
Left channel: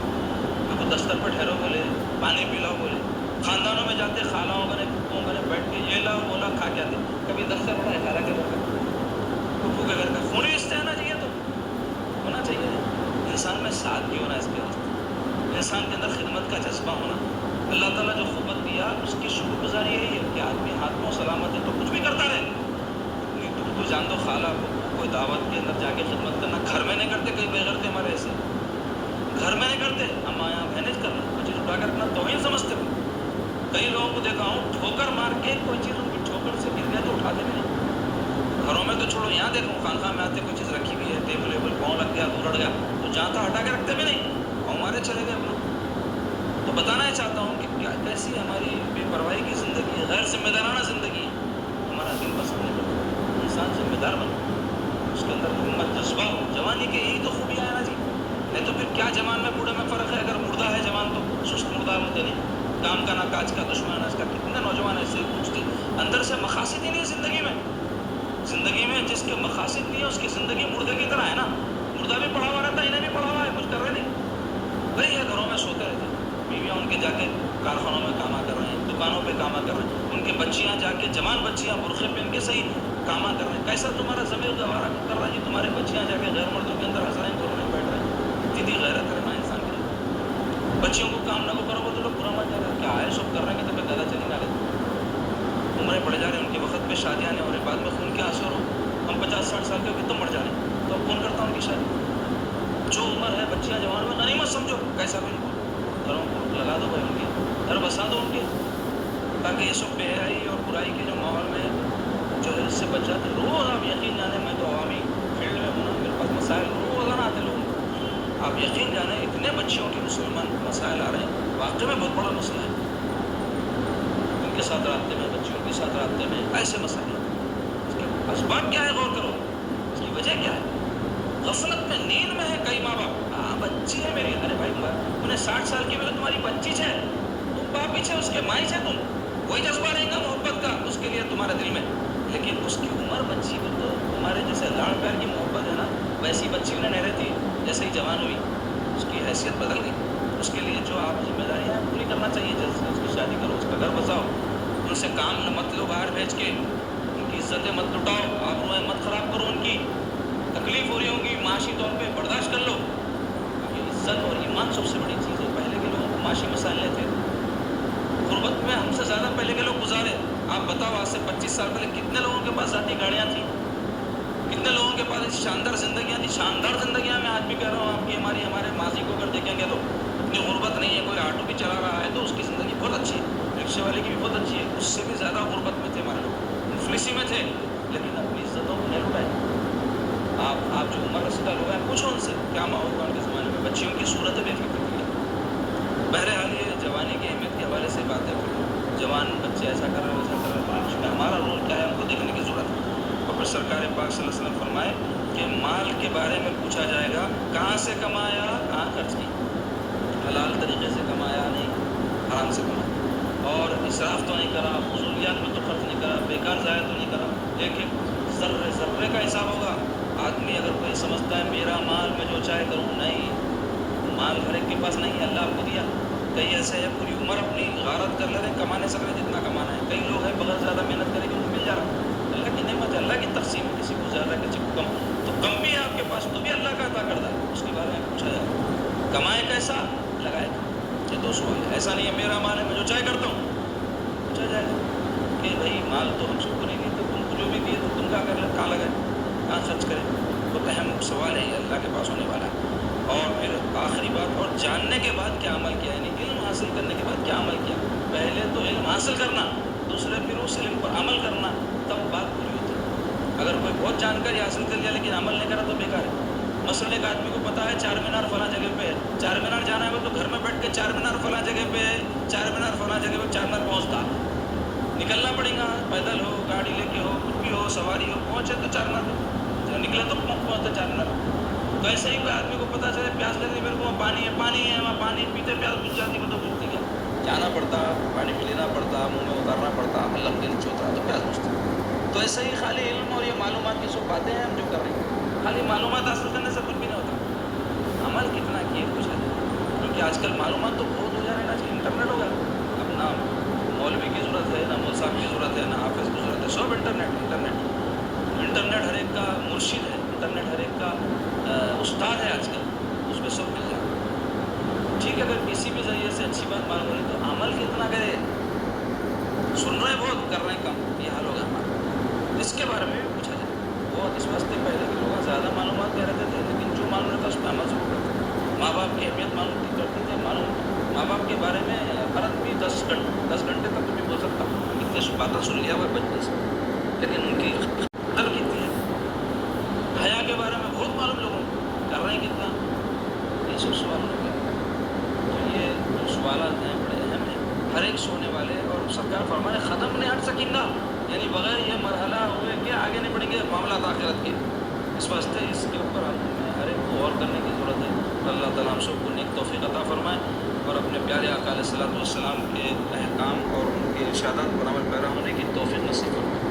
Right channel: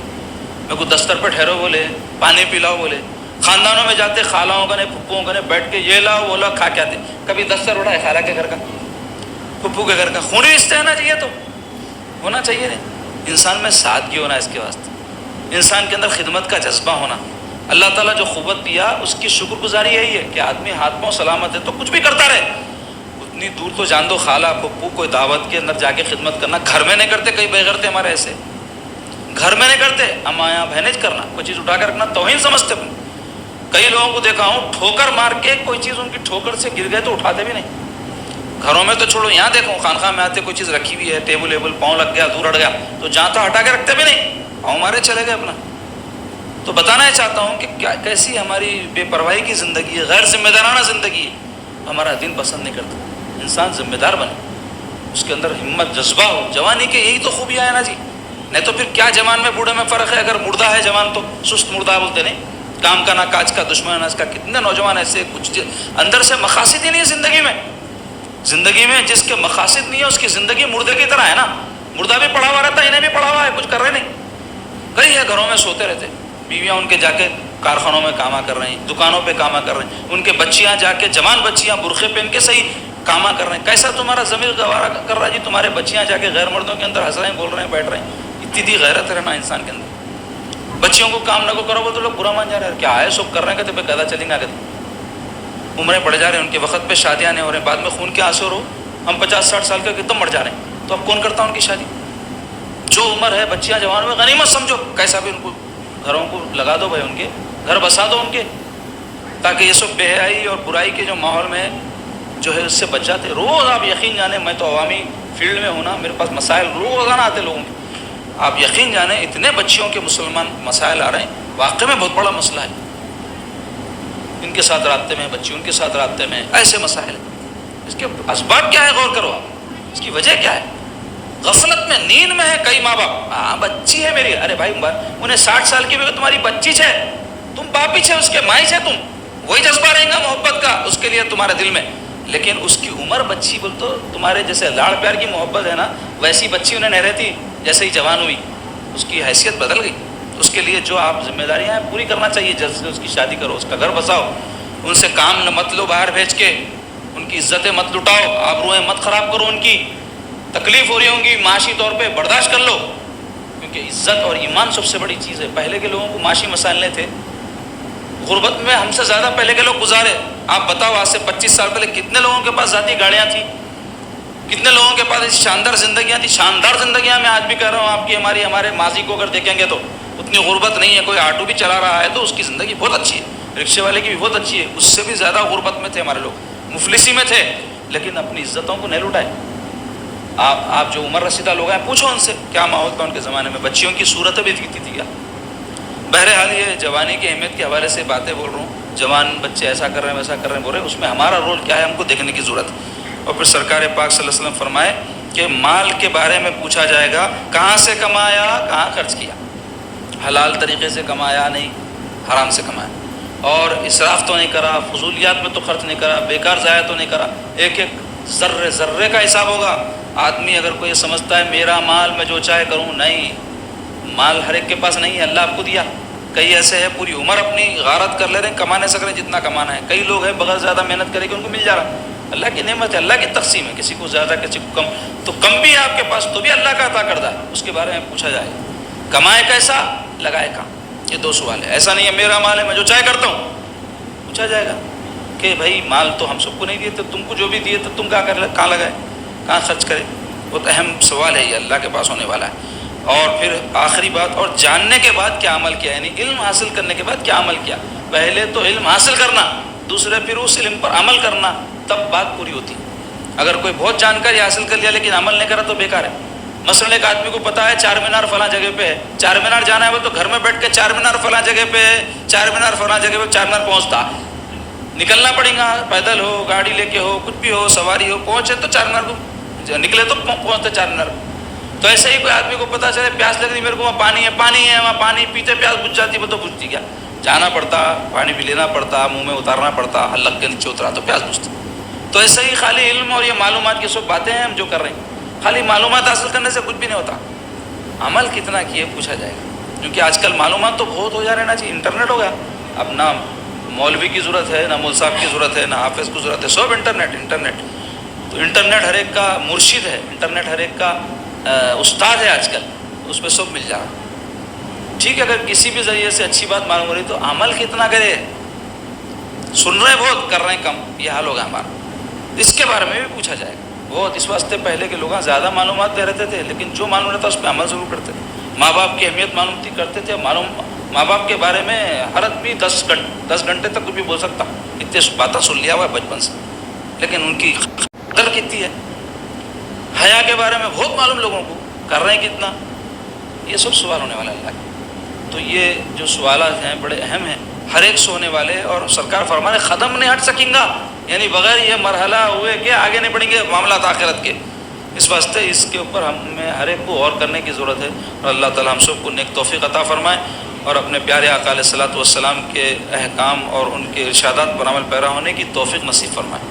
میرے کو دستر پہ ٹھہرو بولے، پانی پلاؤ بولے. خاندانوں میں جاتے، خالاؤں کا نے، پھپھوؤں کا نے، بیٹھ کے یہ لاؤ وہ لاؤ، کھا کے آتے. کبھی دستر اڑا ہے خالہ کے گھر کا، پھپھو کے گھر کا. خونی رشتہ ہے نا جی، یہ تو ہونا چاہیے. نہیں، انسان میں سادگی ہونا، اس کے واسطے انسان کے اندر خدمت کا جذبہ ہونا. اللہ تعالیٰ جو قوت دیا اس کی شکر گزاری یہی ہے کہ آدمی ہاتھ پاؤں سلامت ہے تو کچھ بھی کرتا رہے. اتنی دور تو جان دو، خالہ پھپھو کوئی دعوت کے اندر جا کے خدمت کرنا. گھر میں نہیں کرتے، کئی بغیرتے ہمارے ایسے گھر میں نہیں کرتے. اماں بہنیں کرنا، کوئی چیز اٹھا کے رکھنا توہین سمجھتے. کئی لوگوں کو دیکھا ہوں ٹھوکر مار کے کوئی چیز ان کی ٹھوکر سے گر گئے تو اٹھاتے بھی نہیں. گھروں میں تو چھوڑو، یہاں دیکھو خانقاہ میں آتے کوئی چیز رکھی ہوئی ہے، ٹیبل ایبل پاؤں لگ گیا، دور اڑ گیا تو جہاں تھا ہٹا کے رکھتے بھی نہیں، پاؤں مارے چلے گئے اپنا. تو بتانا یہ چاہتا ہوں کہ کیا کیسی ہماری بے پرواہی کی زندگی ہے، غیر ذمہ دارانہ زندگی ہے. ہمارا دین پسند نہیں کرتا. انسان ذمہ دار بنے، اس کے اندر ہمت جذبہ ہو. جوانی کے یہی تو خوبیاں ہیں نا جی. نہیں تو پھر کیا جوان میں بوڑھے میں فرق ہے؟ اگر مردہ ہے جوان تو سست مردہ بولتے نہیں، کام کا نہ کاج کا، دشمن نہ اس کا. کتنے نوجوان ایسے کچھ اندر سے مقاصد ہی نہیں ہے زندگی میں. زندگی میں جس کے مقاصد نہیں ہے اس کی زندگی مردے کی طرح ہے نا. مردہ بھی پڑا ہوا رہتا ہے, انہیں بھی پڑا ہوا ہے, کچھ کر رہے نہیں. کئی ہے گھروں میں سوتے رہتے, بیویاں ان کے جا کے کارخانوں میں کاما کر رہی ہیں, دکانوں پہ کاما کر رہی ہیں, ان کے بچیاں جا کے, جوان بچیاں برقعے پہن کے صحیح کاما کر رہے ہیں. کیسا تمہارا ضمیر گوارا کر رہا ہے جی تمہارے بچیاں جا کے غیر مردوں کے اندر ہنس رہے ہیں, بول رہے ہیں, بیٹھ رہے ہیں. اتنی غیرت رہنا انسان کے اندر. بچیوں کو کام نہ کو کرو بول تو لوگ برا مان جا رہے ہیں, کیا ہے سب کر رہے ہیں, کہتے گدا چلیں گے آگے. عمریں بڑھ جا رہے ہیں, ان کے وقت پہ شادیاں نہیں ہو رہے ہیں, بعد میں خون کے آنسو رو. ہم 50-60 سال کے کتنے مر جا رہے ہیں, تو اب کون کرتا ان کی شادی؟ جو عمر ہے بچیاں جوان میں غنیمت سمجھو, کیسا بھی ان کو گھروں کو لگا دو بھائی, ان کے گھر بسا دو ان کے, تاکہ یہ سب بے حیائی اور برائی کے جو ماحول میں جو ہے اس سے بچ جاتے. روز آپ یقین جانیں, میں تو عوامی فیلڈ میں ہوں نا, میرے پاس مسائل روزانہ آتے لوگوں کے. آپ یقین جانیں اتنے بچیوں کے مسلمان مسائل آ رہے ہیں, واقعی میں بہت بڑا مسئلہ ہے. ان کے ساتھ رابطے میں, بچی ان کے ساتھ رابطے میں, ایسے مسائل. اس کے اسباب کیا ہے غور کرو آپ, اس کی وجہ کیا ہے؟ غفلت میں, نیند میں ہے کئی ماں باپ. ہاں بچی ہے میری, ارے بھائی انہیں 60 سال کی بھی تمہاری بچی ہے, تم باپی ہے اس کے, مائی ہے تم, وہی جذبہ رہے گا محبت کا اس کے لیے تمہارے دل میں. لیکن اس کی عمر بچی بول تو تمہارے جیسے لاڑ پیار کی محبت ہے نا, ویسی بچی انہیں نہیں رہتی. جیسے ہی جوان ہوئی اس کی حیثیت بدل گئی. اس کے لیے جو آپ ذمہ داریاں ہیں پوری کرنا چاہیے. جلد سے اس کی شادی کرو, اس کا گھر بساؤ, ان سے کام نہ مت لو باہر بھیج کے, ان کی عزتیں مت لٹاؤ, آبروئیں مت خراب کرو. ان کی تکلیف ہو رہی ہوں گی معاشی طور پہ, برداشت کر لو, کیونکہ عزت اور ایمان سب سے بڑی چیز ہے. پہلے کے لوگوں کو معاشی مسائل نہیں تھے, غربت میں ہم سے زیادہ پہلے کے لوگ گزارے. آپ بتاؤ آج سے 25 سال پہلے کتنے لوگوں کے پاس ذاتی گاڑیاں تھیں, کتنے لوگوں کے پاس شاندار زندگیاں تھیں. شاندار زندگیاں میں آج بھی کہہ رہا ہوں, آپ کی ہمارے ماضی کو اگر دیکھیں گے تو اتنی غربت نہیں ہے. کوئی آٹو بھی چلا رہا ہے تو اس کی زندگی بہت اچھی ہے, رکشے والے کی بھی بہت اچھی ہے. اس سے بھی زیادہ غربت میں تھے ہمارے لوگ, مفلسی میں تھے, لیکن اپنی عزتوں کو نہیں لٹائے. آپ جو عمر رسیدہ لوگ ہیں پوچھو ان سے کیا ماحول تھا ان کے زمانے میں, بچیوں کی صورتیں بھی دکھتی تھی کیا. بہرحال یہ جوانی کی اہمیت کے حوالے سے باتیں بول رہا ہوں. جوان بچے ایسا کر رہے ہیں ویسا کر رہے ہیں بول رہے ہیں, اس میں ہمارا رول کیا ہے ہم کو دیکھنے کی ضرورت ہے. اور پھر سرکار پاک صلی اللہ علیہ وسلم فرمائے کہ مال کے بارے میں پوچھا جائے گا, کہاں سے کمایا, کہاں خرچ کیا. حلال طریقے سے کمایا نہیں, حرام سے کمایا, اور اسراف تو نہیں کرا, فضولیات میں تو خرچ نہیں کرا, بیکار ضائع تو نہیں کرا. ایک ایک ذرے ذرے کا حساب ہوگا. آدمی اگر کوئی سمجھتا ہے میرا مال میں جو چاہے کروں, نہیں, مال ہر ایک کے پاس نہیں ہے, اللہ آپ کو دیا. کئی ایسے ہیں پوری عمر اپنی غارت کر لے رہے ہیں, کما نہیں سک رہے جتنا کمانا ہے. کئی لوگ ہیں بغیر زیادہ محنت کرے کہ ان کو مل جا رہا. اللہ کی نعمت ہے, اللہ کی تقسیم ہے, کسی کو زیادہ کسی کو کم, تو کم بھی ہے آپ کے پاس تو بھی اللہ کا عطا کردہ ہے, اس کے بارے میں پوچھا جائے. کمائے کیسا, لگائے کہاں, یہ 2 سوال ہے. ایسا نہیں ہے میرا مال ہے میں جو چاہے کرتا ہوں. پوچھا جائے گا کہ بھائی مال تو ہم سب کو نہیں دیے تھے, تم کو جو بھی دیے تو تم کیا کر, کہاں لگائے, کہاں خرچ کرے. بہت اہم سوال ہے یہ, اللہ کے پاس ہونے والا ہے. اور پھر آخری بات, اور جاننے کے بعد کیا عمل کیا, یعنی علم حاصل کرنے کے بعد کیا عمل کیا. پہلے تو علم حاصل کرنا, دوسرے پھر اس علم پر عمل کرنا, تب بات پوری ہوتی. اگر کوئی بہت جانکاری حاصل کر لیا لیکن عمل نہیں کرا تو بیکار ہے. مثلا ایک آدمی کو پتا ہے چار مینار فلاں جگہ پہ ہے, چار مینار جانا ہے وہ تو گھر میں بیٹھ کے چار مینار فلاں جگہ پہ ہے, چار مینار فلاں جگہ پہ, چار مینار پہنچتا, نکلنا پڑے گا, پیدل ہو, گاڑی لے کے ہو, کچھ بھی ہو, سواری ہو, پہنچے تو چار مینار کو نکلے تو پہنچتے چار مینار. تو ایسے ہی کوئی آدمی کو پتا چلے پیاس لگ رہی میرے کو, وہاں پانی ہے, وہاں پانی پیتے پیاس بجھ جاتی, وہ تو بجھتی کیا, جانا پڑتا, پانی بھی لینا پڑتا, منہ میں اتارنا پڑتا, الگ گل چوترا تو پیاس بجھتی. تو ایسے ہی خالی علم اور یہ معلومات کی سب باتیں ہیں ہم جو کر رہے ہیں, خالی معلومات حاصل کرنے سے کچھ بھی نہیں ہوتا. عمل کتنا کیے پوچھا جائے گا, کیونکہ آج کل معلومات تو بہت ہو جا رہے ہیں نا جی, انٹرنیٹ ہو گیا. اب نہ مولوی کی ضرورت ہے, نہ مول صاحب کی ضرورت ہے, نہ حافظ کی ضرورت ہے, سب انٹرنیٹ. تو انٹرنیٹ ہر ایک کا مرشد ہے, انٹرنیٹ ہر ایک کا استاد ہے. آج کل اس پہ سب مل جا رہا. ٹھیک ہے, اگر کسی بھی ذریعے سے اچھی بات معلوم ہو رہی تو عمل کتنا کرے. سن رہے بہت, کر رہے ہیں کم, یہ حال ہوگا ہمارا. اس کے بارے میں بھی پوچھا جائے گا بہت. اس واسطے پہلے کے لوگ زیادہ معلومات دے رہتے تھے, لیکن جو معلوم رہتا اس پہ عمل ضرور کرتے تھے. ماں باپ کی اہمیت معلوم کرتے تھے. ماں باپ کے بارے میں ہر آدمی 10 گھنٹے تک کچھ بھی بول سکتا, اتنے باتیں سن لیا ہوا ہے بچپن سے, لیکن ان کی قدر کتنی ہے. حیا کے بارے میں بہت معلوم لوگوں کو, کر رہے ہیں کتنا, یہ سب سوال ہونے والا اللہ. تو یہ جو سوالات ہیں بڑے اہم ہیں, ہر ایک سے ہونے والے. اور سرکار فرمانے ختم نہیں ہٹ سکیں گا, یعنی بغیر یہ مرحلہ ہوئے کہ آگے نہیں بڑھیں گے معاملات آخرت کے. اس واسطے اس کے اوپر ہمیں ہر ایک کو غور کرنے کی ضرورت ہے. اور اللہ تعالیٰ ہم سب کو نیک توفیق عطا فرمائے, اور اپنے پیارے آقا علیہ الصلوۃ والسلام کے احکام اور ان کے ارشادات پر عمل پیرا ہونے کی توفیق نصیب فرمائے.